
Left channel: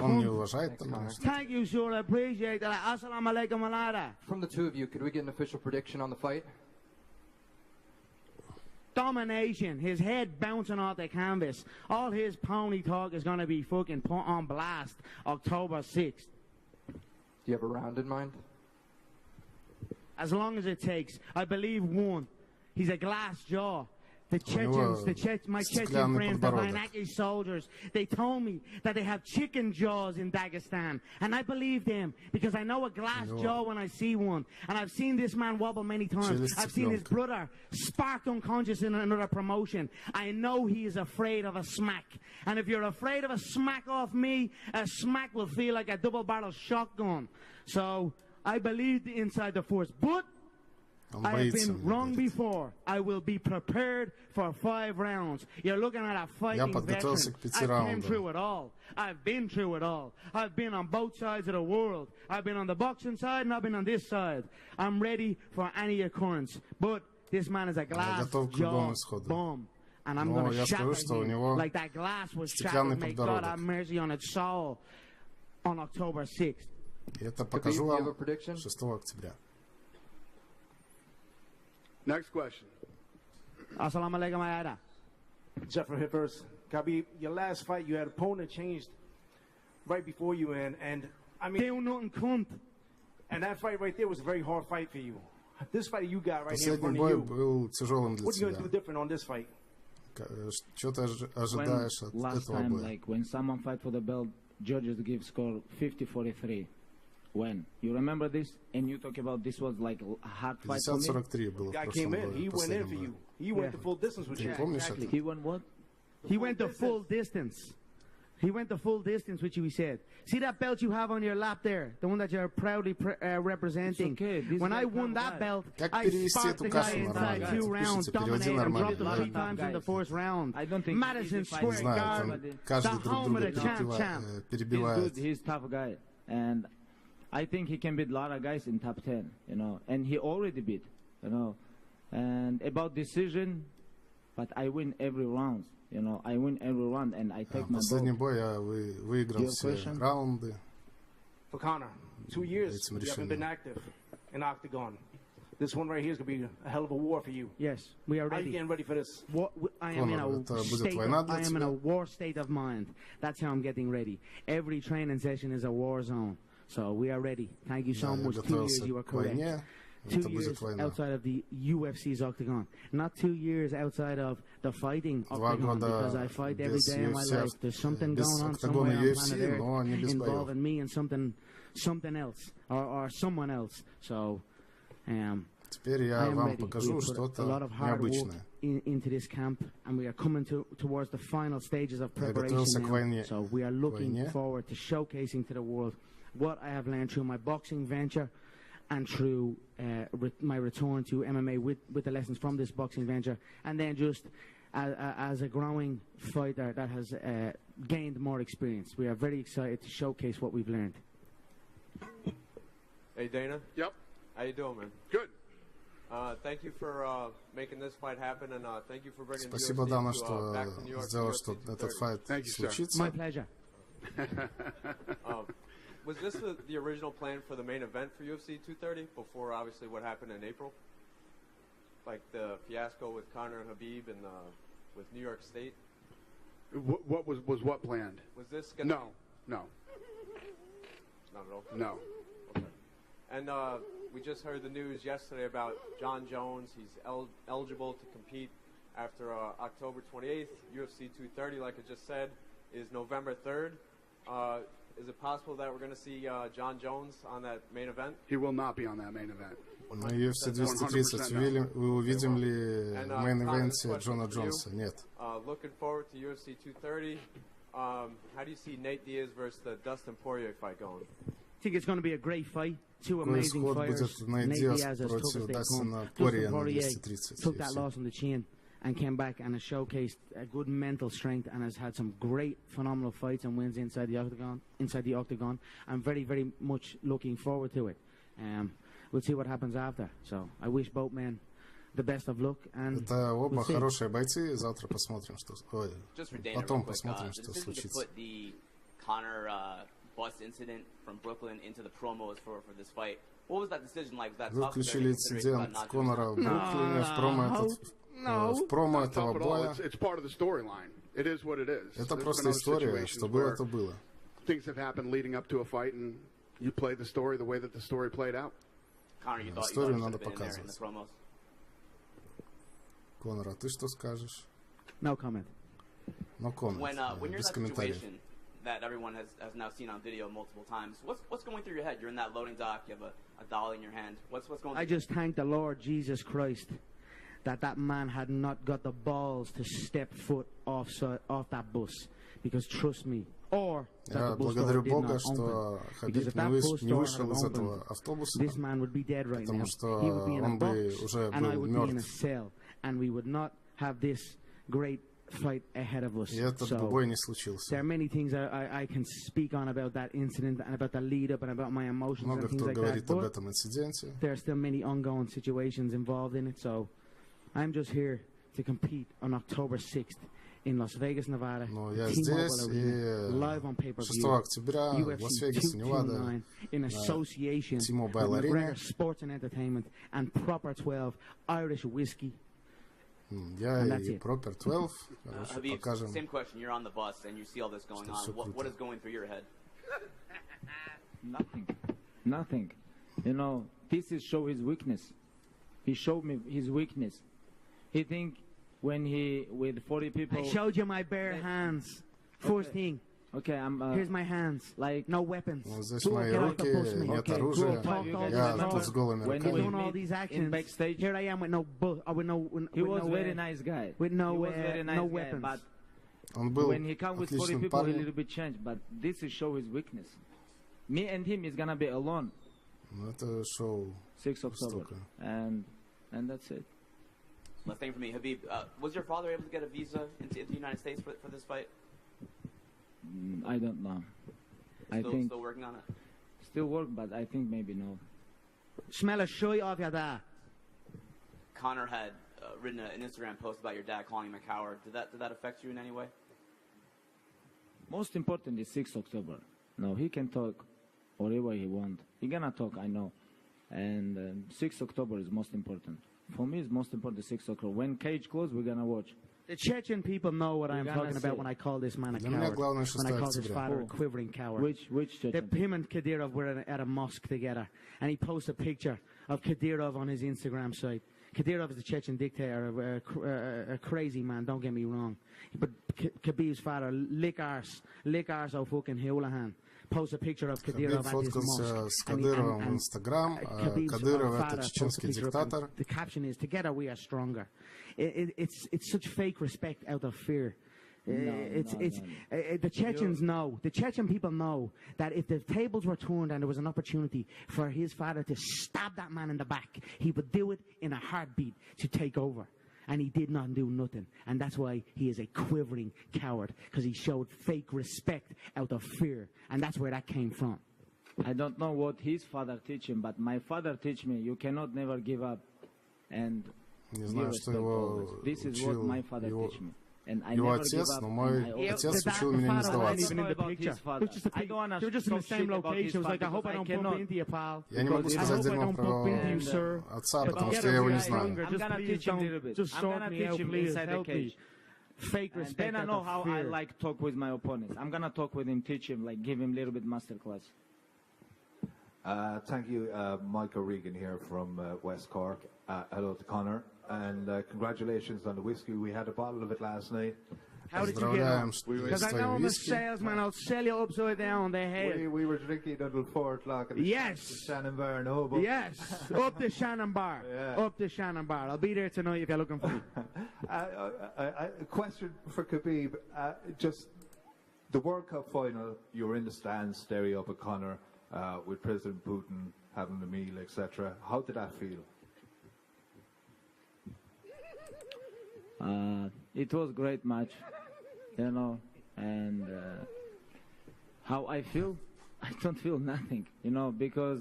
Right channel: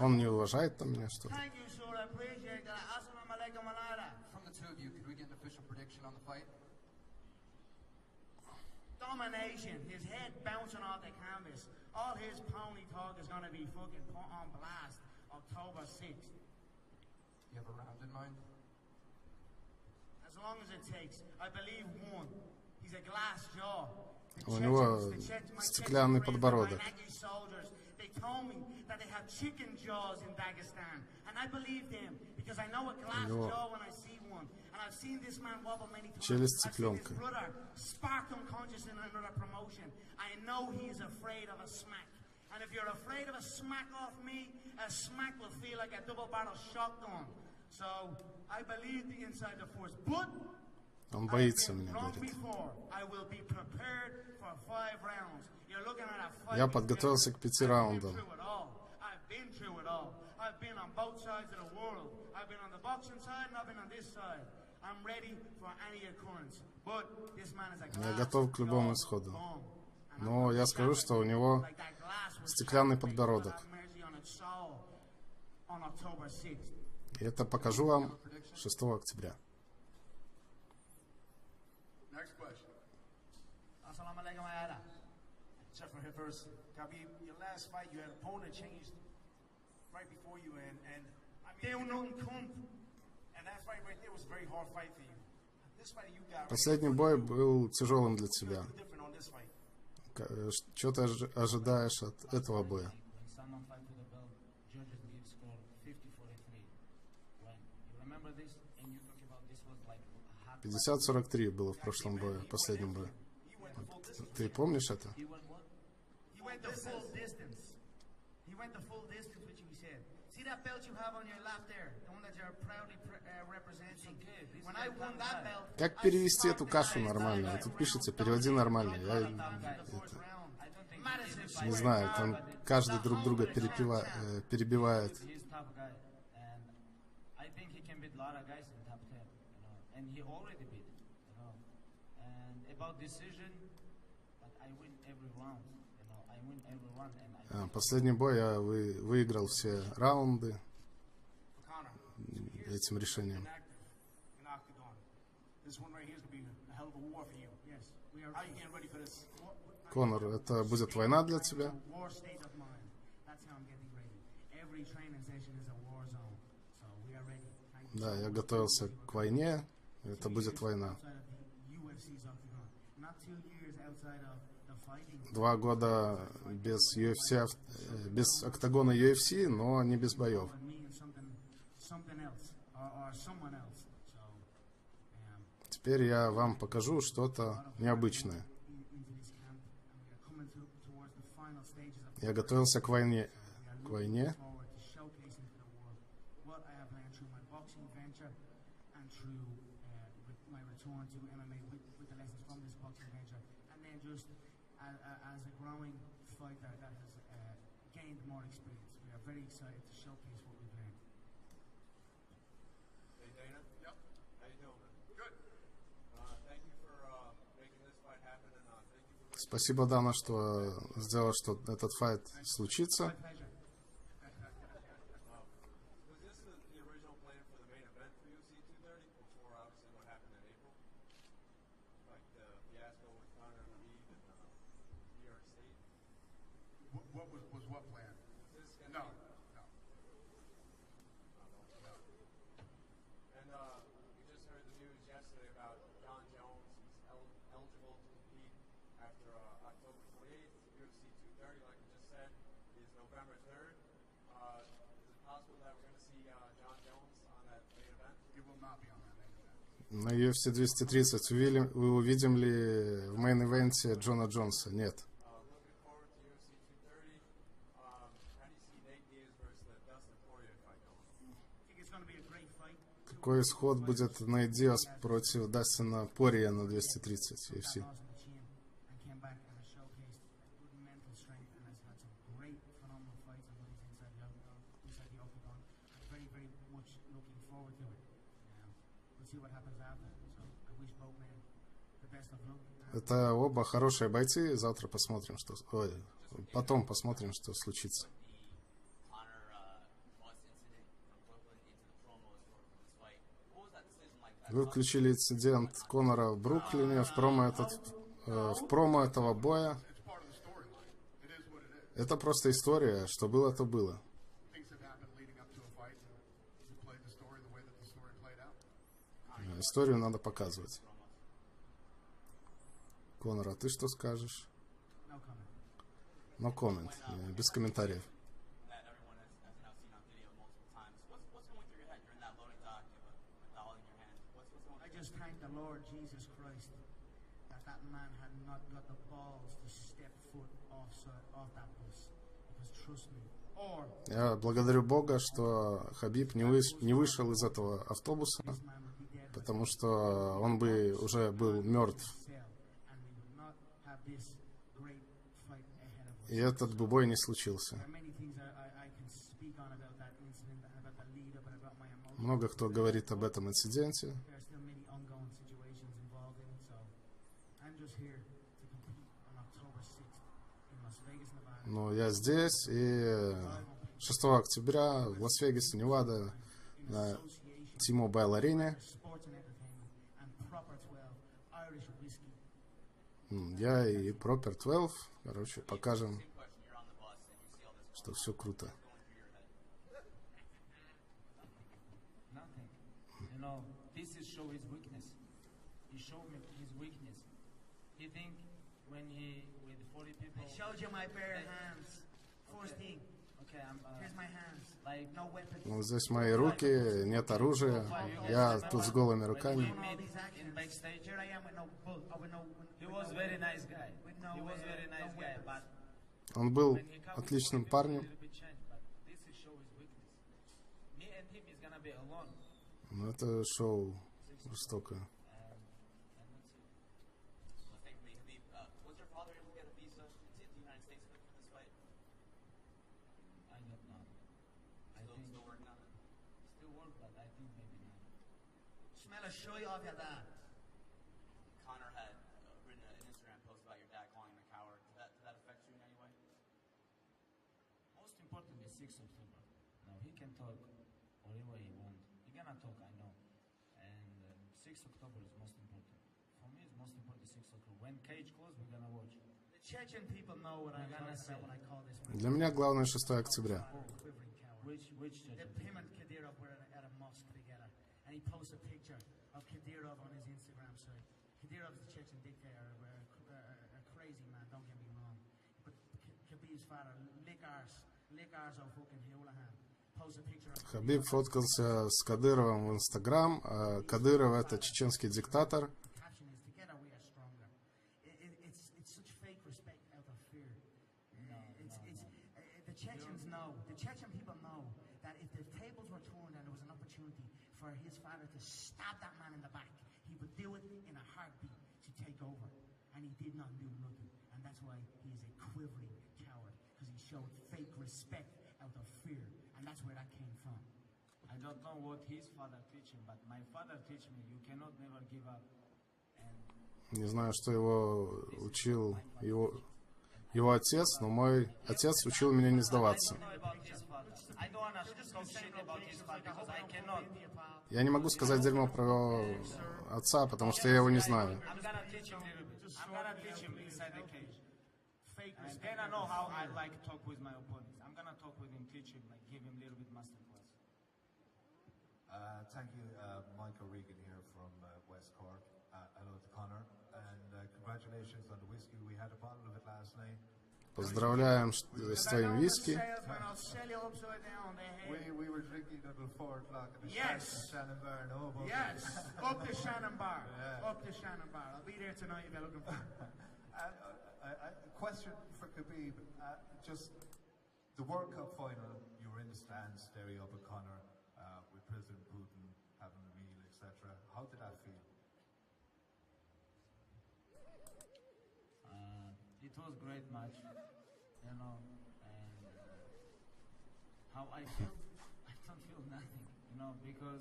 Он не уважает там меня, что ли? Thank you, sir. I appreciate that. Assalamu alaikum alada. From the two of you, could we get an official prediction on the fight? Domination. His head bouncing off the canvas. All his pony talk is gonna be fucking put on blast October 6th. Do you have a round in mind? As long as it takes. I believe one. He's a glass jaw. The У него стеклянный подбородок. soldiers, they told me that they have chicken jaws in Dagestan, and I believe them because I know a glass jaw when I see one, and I've seen this man wobble many times. I've seen his brother sparked unconscious in another promotion. I know he is afraid of a smack, and if you're afraid of a smack off me, a smack will feel like a double-barrel shotgun. So I believe inside the force, but I've been wrong before. I will be prepared for 5 rounds. You're looking at a fighting Я подготовился к 5 раундам. I've been through it all. I've been on both sides of the world. I've been on the boxing side and I've been on this side. I'm ready for any occurrence. But this man is a glass Я готов к любому исходу. Но я скажу, что у него стеклянный подбородок. И это покажу вам 6 октября. Next question. Assalamu alaikum ayada. Jeffrey Hippers. Khabib, your last fight, you had opponent changed right before you and I mean, and that fight right there was a very hard fight for you. This fight you got right Последний бой был тяжелым для What you тебя. gonna do different on this fight? Что ты ожидаешь от этого боя? Like when someone fight for the belt, judges give score 50-43. When? You remember this? And you talk about this was like a hard fight. 50-43 было в прошлом бою, последнем бою. Ты помнишь это? He went what? He went the full distance. He went the full distance, which we said. See that belt you have on your lap there, the one that you're proudly representing. When I won that belt, Как перевести эту кашу нормально? Пишите, переводи нормально. Не знаю, там каждый друг друга перебивает. And I think he can beat a lot of guys in top 10, you know, and he already beat, you know. And about decision, but I win every round, you know, I win every round, and I take Последний бой я выиграл все раунды For Conor, 2 years этим you haven't been решением. active in Octagon. This one right here is gonna be a hell of a war for you. Yes, we are How are ready. you getting ready for this? Конор, это будет война для тебя? I am in a war state of mind. That's how I'm getting ready. Every training session is a war zone. So we are ready. Thank you so Да, я much. готовился к войне. Это будет война. Outside of the UFC's Octagon. Not 2 years outside of the fighting. 2 года без UFC, без октагона UFC, но не без боев. Something else or someone else. So Теперь я вам покажу что-то необычное. Я готовился к войне. What I have learned through my boxing venture and through my return to MMA with the lessons from this boxing venture, and then just as a growing fighter that has gained more experience. We are very excited to showcase what we've learned. Hey Dana. Yep. How you doing, man? Good. Thank you for making this fight happen, and thank you for bringing. Спасибо, Дана, что сделал, что этот файт случится. Was this the original plan for the main event for UFC 230 before obviously what happened in April? Like the fiasco with Conor and Khabib and with New York State? What was what planned? Was this gonna No. Not at all? No. Okay. And we just heard the news yesterday about John Jones. He's eligible to compete after October 28th. UFC 230, like I just said, is November 3rd. Is it possible that we're going to see John Jones on that main event? He will not be on that main event. На UFC 230 вы увидим ли в мейн-ивенте Джона Джонса? Нет. Looking forward to UFC 230. How do you see Nate Diaz versus the Dustin Poirier fight going? I think it's going to be a great fight. Two Какой amazing исход fighters. будет Нейт Диаз против Дастина Порье на 230 took that UFC? loss on the chin and came back and has showcased a good mental strength and has had some great, phenomenal fights and wins inside the octagon. I'm very, very much looking forward to it. We'll see what happens after. So I wish both men the best of luck. And Это оба хорошие бойцы. Завтра посмотрим, что... Ой, потом посмотрим, что случится. Вы включили инцидент Конора в Бруклине в промо этого боя. Это просто история, что было, то было. Историю надо показывать. Конор, а ты что скажешь? No comment. No comment. Без комментариев. That everyone has now seen on video multiple times. What's going through your head? You're in that loading dock. You have a dolly in your hand. What's going? I just thank the Lord Jesus Christ that man had not got the balls to step foot off that bus, because trust me. Я благодарю Бога, что Хабиб не вышел из этого автобуса, потому что он бы уже был мертв. И этот бы бой не случился. Много кто говорит об этом инциденте. Но я здесь, и 6 октября в Лас-Вегасе, Невада, на T-Mobile арене. Я и Proper 12, короче, покажем, что все круто. Nothing. You know, this is show his weakness. He showed me his weakness. He think when he with 40 people. I showed you my bare hands. First thing. Okay, here's my hands. Like no weapons. Вот здесь мои руки, нет оружия. Я тут с голыми руками. Here I am with no He was very nice guy. With no weapons. Он был отличным парнем. But this is show his weakness. Me and him is gonna be alone. Это шоу 6 жестоко. And that's it. Last thing for me, Habib, was your father able to get a visa into the United States for this fight? I don't know. Still working on it? Still work, but I think maybe no. Smell a shoy off your dad. Conor had written an Instagram post about your dad calling him a coward. Did that affect you in any way? Most important is 6 October. No, he can talk whatever he wants. He gonna talk, I know. And 6 October is most important. For me, it's most important 6 October. When cage closed, we're gonna watch. The Chechen people know what I'm talking about when I call this man a Для меня главное 6 coward. When I call this октября. father a quivering coward. Which Chechen? Him and Kadyrov were at a mosque together, and he posts a picture of Kadyrov on his Instagram site. Kadyrov is a Chechen dictator, a crazy man, don't get me wrong. But Khabib's father, lick arse of fucking Houlihan. Хабиб фоткался с Кадыровым в Инстаграм, а Кадыров — это чеченский диктатор. The caption is, "Together we are stronger." It's such fake respect out of fear. The Chechens know, the Chechen people know that if the tables were turned and there was an opportunity for his father to stab that man in the back, he would do it in a heartbeat to take over. And he did not do nothing. And that's why he is a quivering coward, because he showed fake respect out of fear. And that's where that came from. I don't know what his father teach him, but my father teach me, you cannot never give up. And Не знаю, что его учил его отец, но мой отец учил меня не сдаваться. Я не могу сказать дерьмо про отца, потому что я его не знаю. Then I know how I like talk with my opponents. I'm gonna talk with him, teach him, like give him a little bit master class. Thank you, Michael Regan here from West Cork. Hello to Conor, and congratulations on the whiskey. We had a bottle of it last night. Поздравляем с твоим виски. I'll sell you upside down the head. We were drinking until 4 o'clock in the Shannon Bar in Obo. Yes, up the Shannon Bar. Yeah. Up the Shannon Bar. I'll be there tonight if you're looking for me. A question for Khabib. Just the World Cup final, you were in the stands staring up at Conor with President Putin having the meal, etc. How did that feel? It was great match, you know, and how I feel, I don't feel nothing, you know, because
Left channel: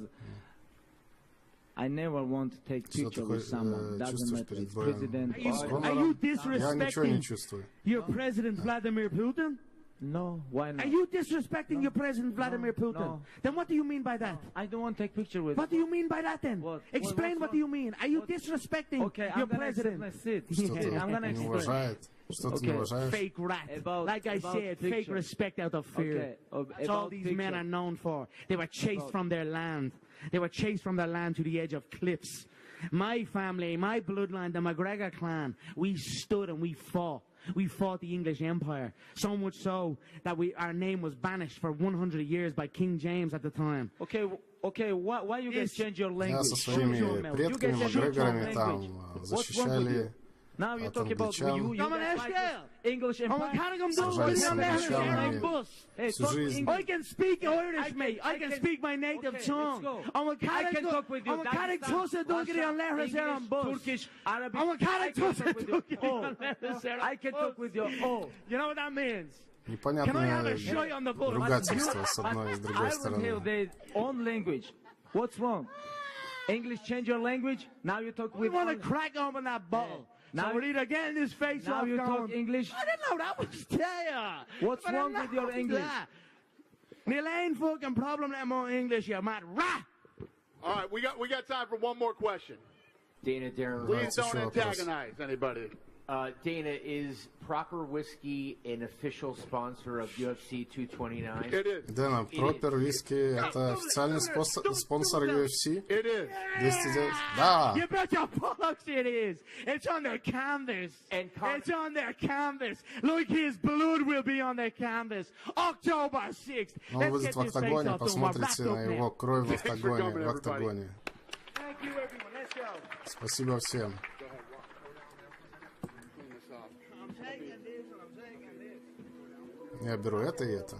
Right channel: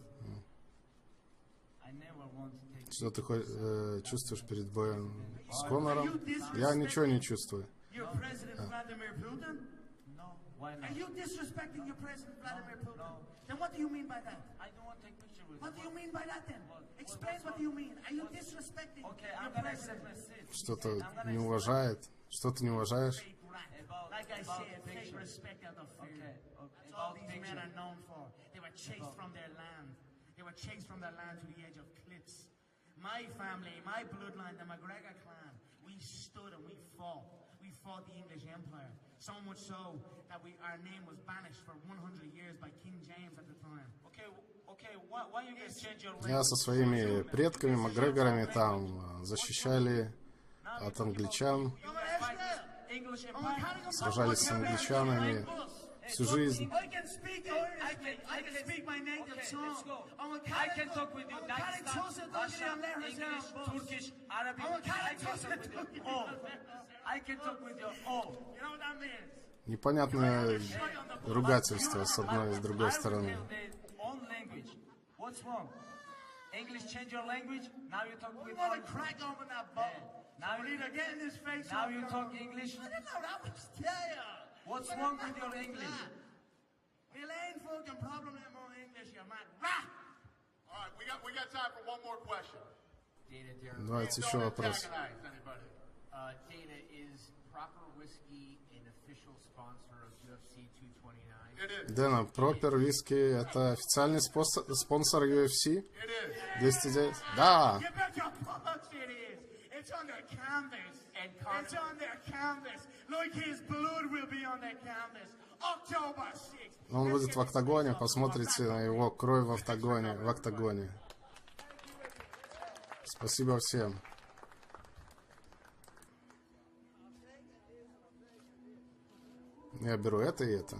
I never want to take Что ты picture with someone. чувствуешь перед боем с Конором? Я ничего не чувствую. Your President Vladimir Putin? No, why not? Are you disrespecting your President Vladimir Putin? No. Then what do you mean by that? I don't want to take picture with. What do you mean by that then? Explain what do you mean. Are you disrespecting your president? Что-то не уважает? Что-то не уважаешь? Fake rat. Like I said, fake respect out of fear. That's all these men are known for. They were chased from their land. They were chased from their land to the edge of cliffs. My family, my bloodline, the McGregor clan, we stood and we fought. We fought the English Empire. So much so that our name was banished for 100 years by King James at the time. Okay, why you guys change your language? Я со своими предками, Макгрегорами, там защищали от англичан, сражались с англичанами всю жизнь. I can speak Irish, mate. I can speak my native tongue. I can talk with you. I can talk with your You know what that means? Непонятное ругательство с одной и с другой стороны. Own language. What's wrong? English change your language. Now you talk with. We want to crack open that ball. Now we're either getting this face now off. You talk English. I didn't know that was there. What's wrong with your English? Neil ain't fucking problem that more English, you mad rat. All right, we got time for one more question. Dana, Darren, Please don't antagonize anybody. Dana, is Proper Whiskey an official sponsor of UFC 229? It is. Дэна, Пропер Виски — это официальный спонсор UFC? 209? Да! You bet your bucks it is. It's on their canvas. It's on their canvas. Look, his blood will be on their canvas. October 6th. Он будет в октагоне, посмотрите на его кровь в октагоне. Спасибо всем. Я беру это и это.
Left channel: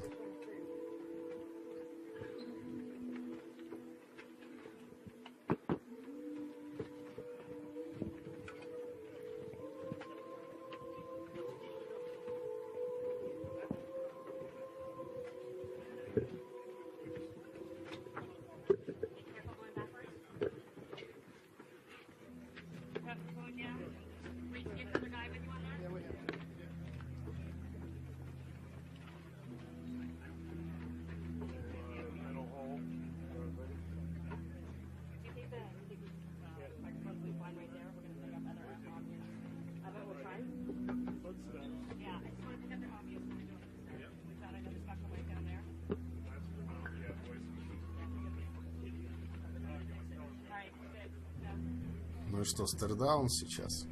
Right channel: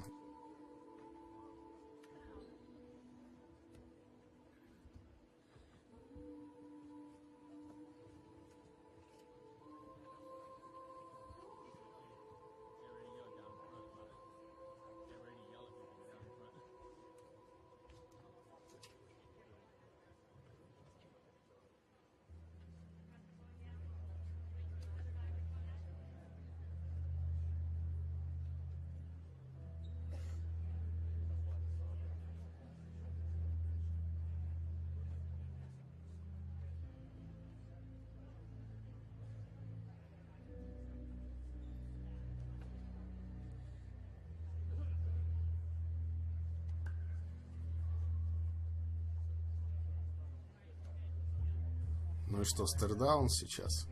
Ну и что, стердаун сейчас?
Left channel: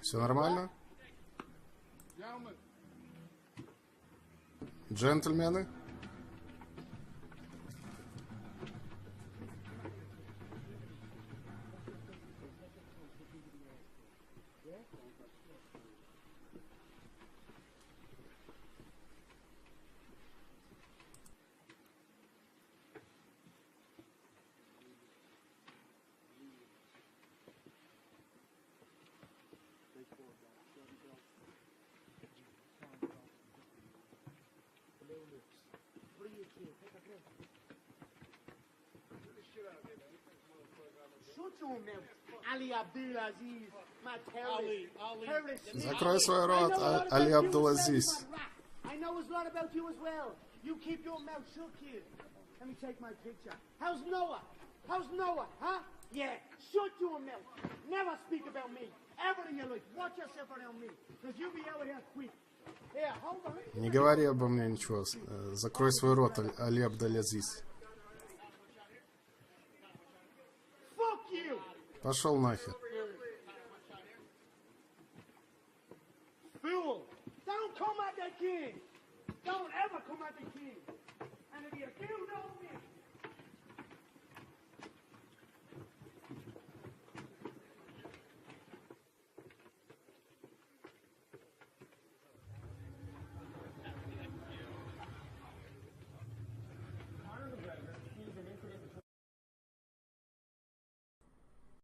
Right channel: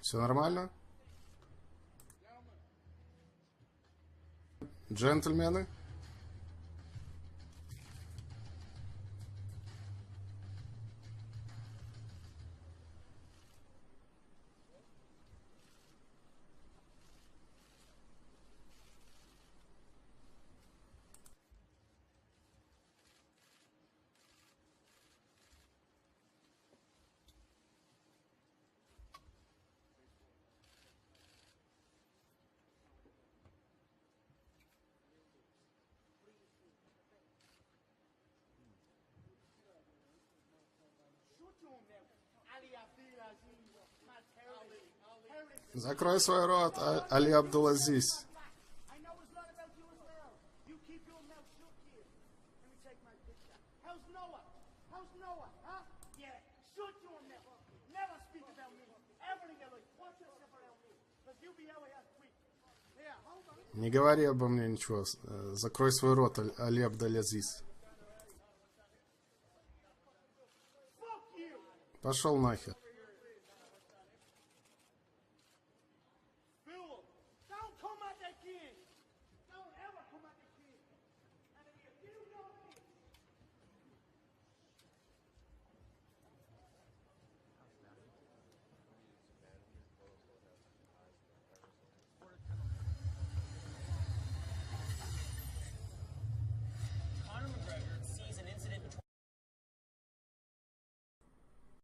Все нормально? Джентльмены? your mouth. Ali Abdulaziz, my terrorist. Закрой свой рот, Али Абдулазиз. I know a lot about you as well. You keep your mouth shut, kid. Let me take my picture. How's Noah? How's Noah, huh? Yeah, shut your mouth. Never speak about me. Ever in your life. Watch yourself around me. Because you'll be out here quick. Yeah, hold on. Не говори обо мне ничего. Закрой свой рот, Али Абдулазиз. Fuck you. Пошел нахер.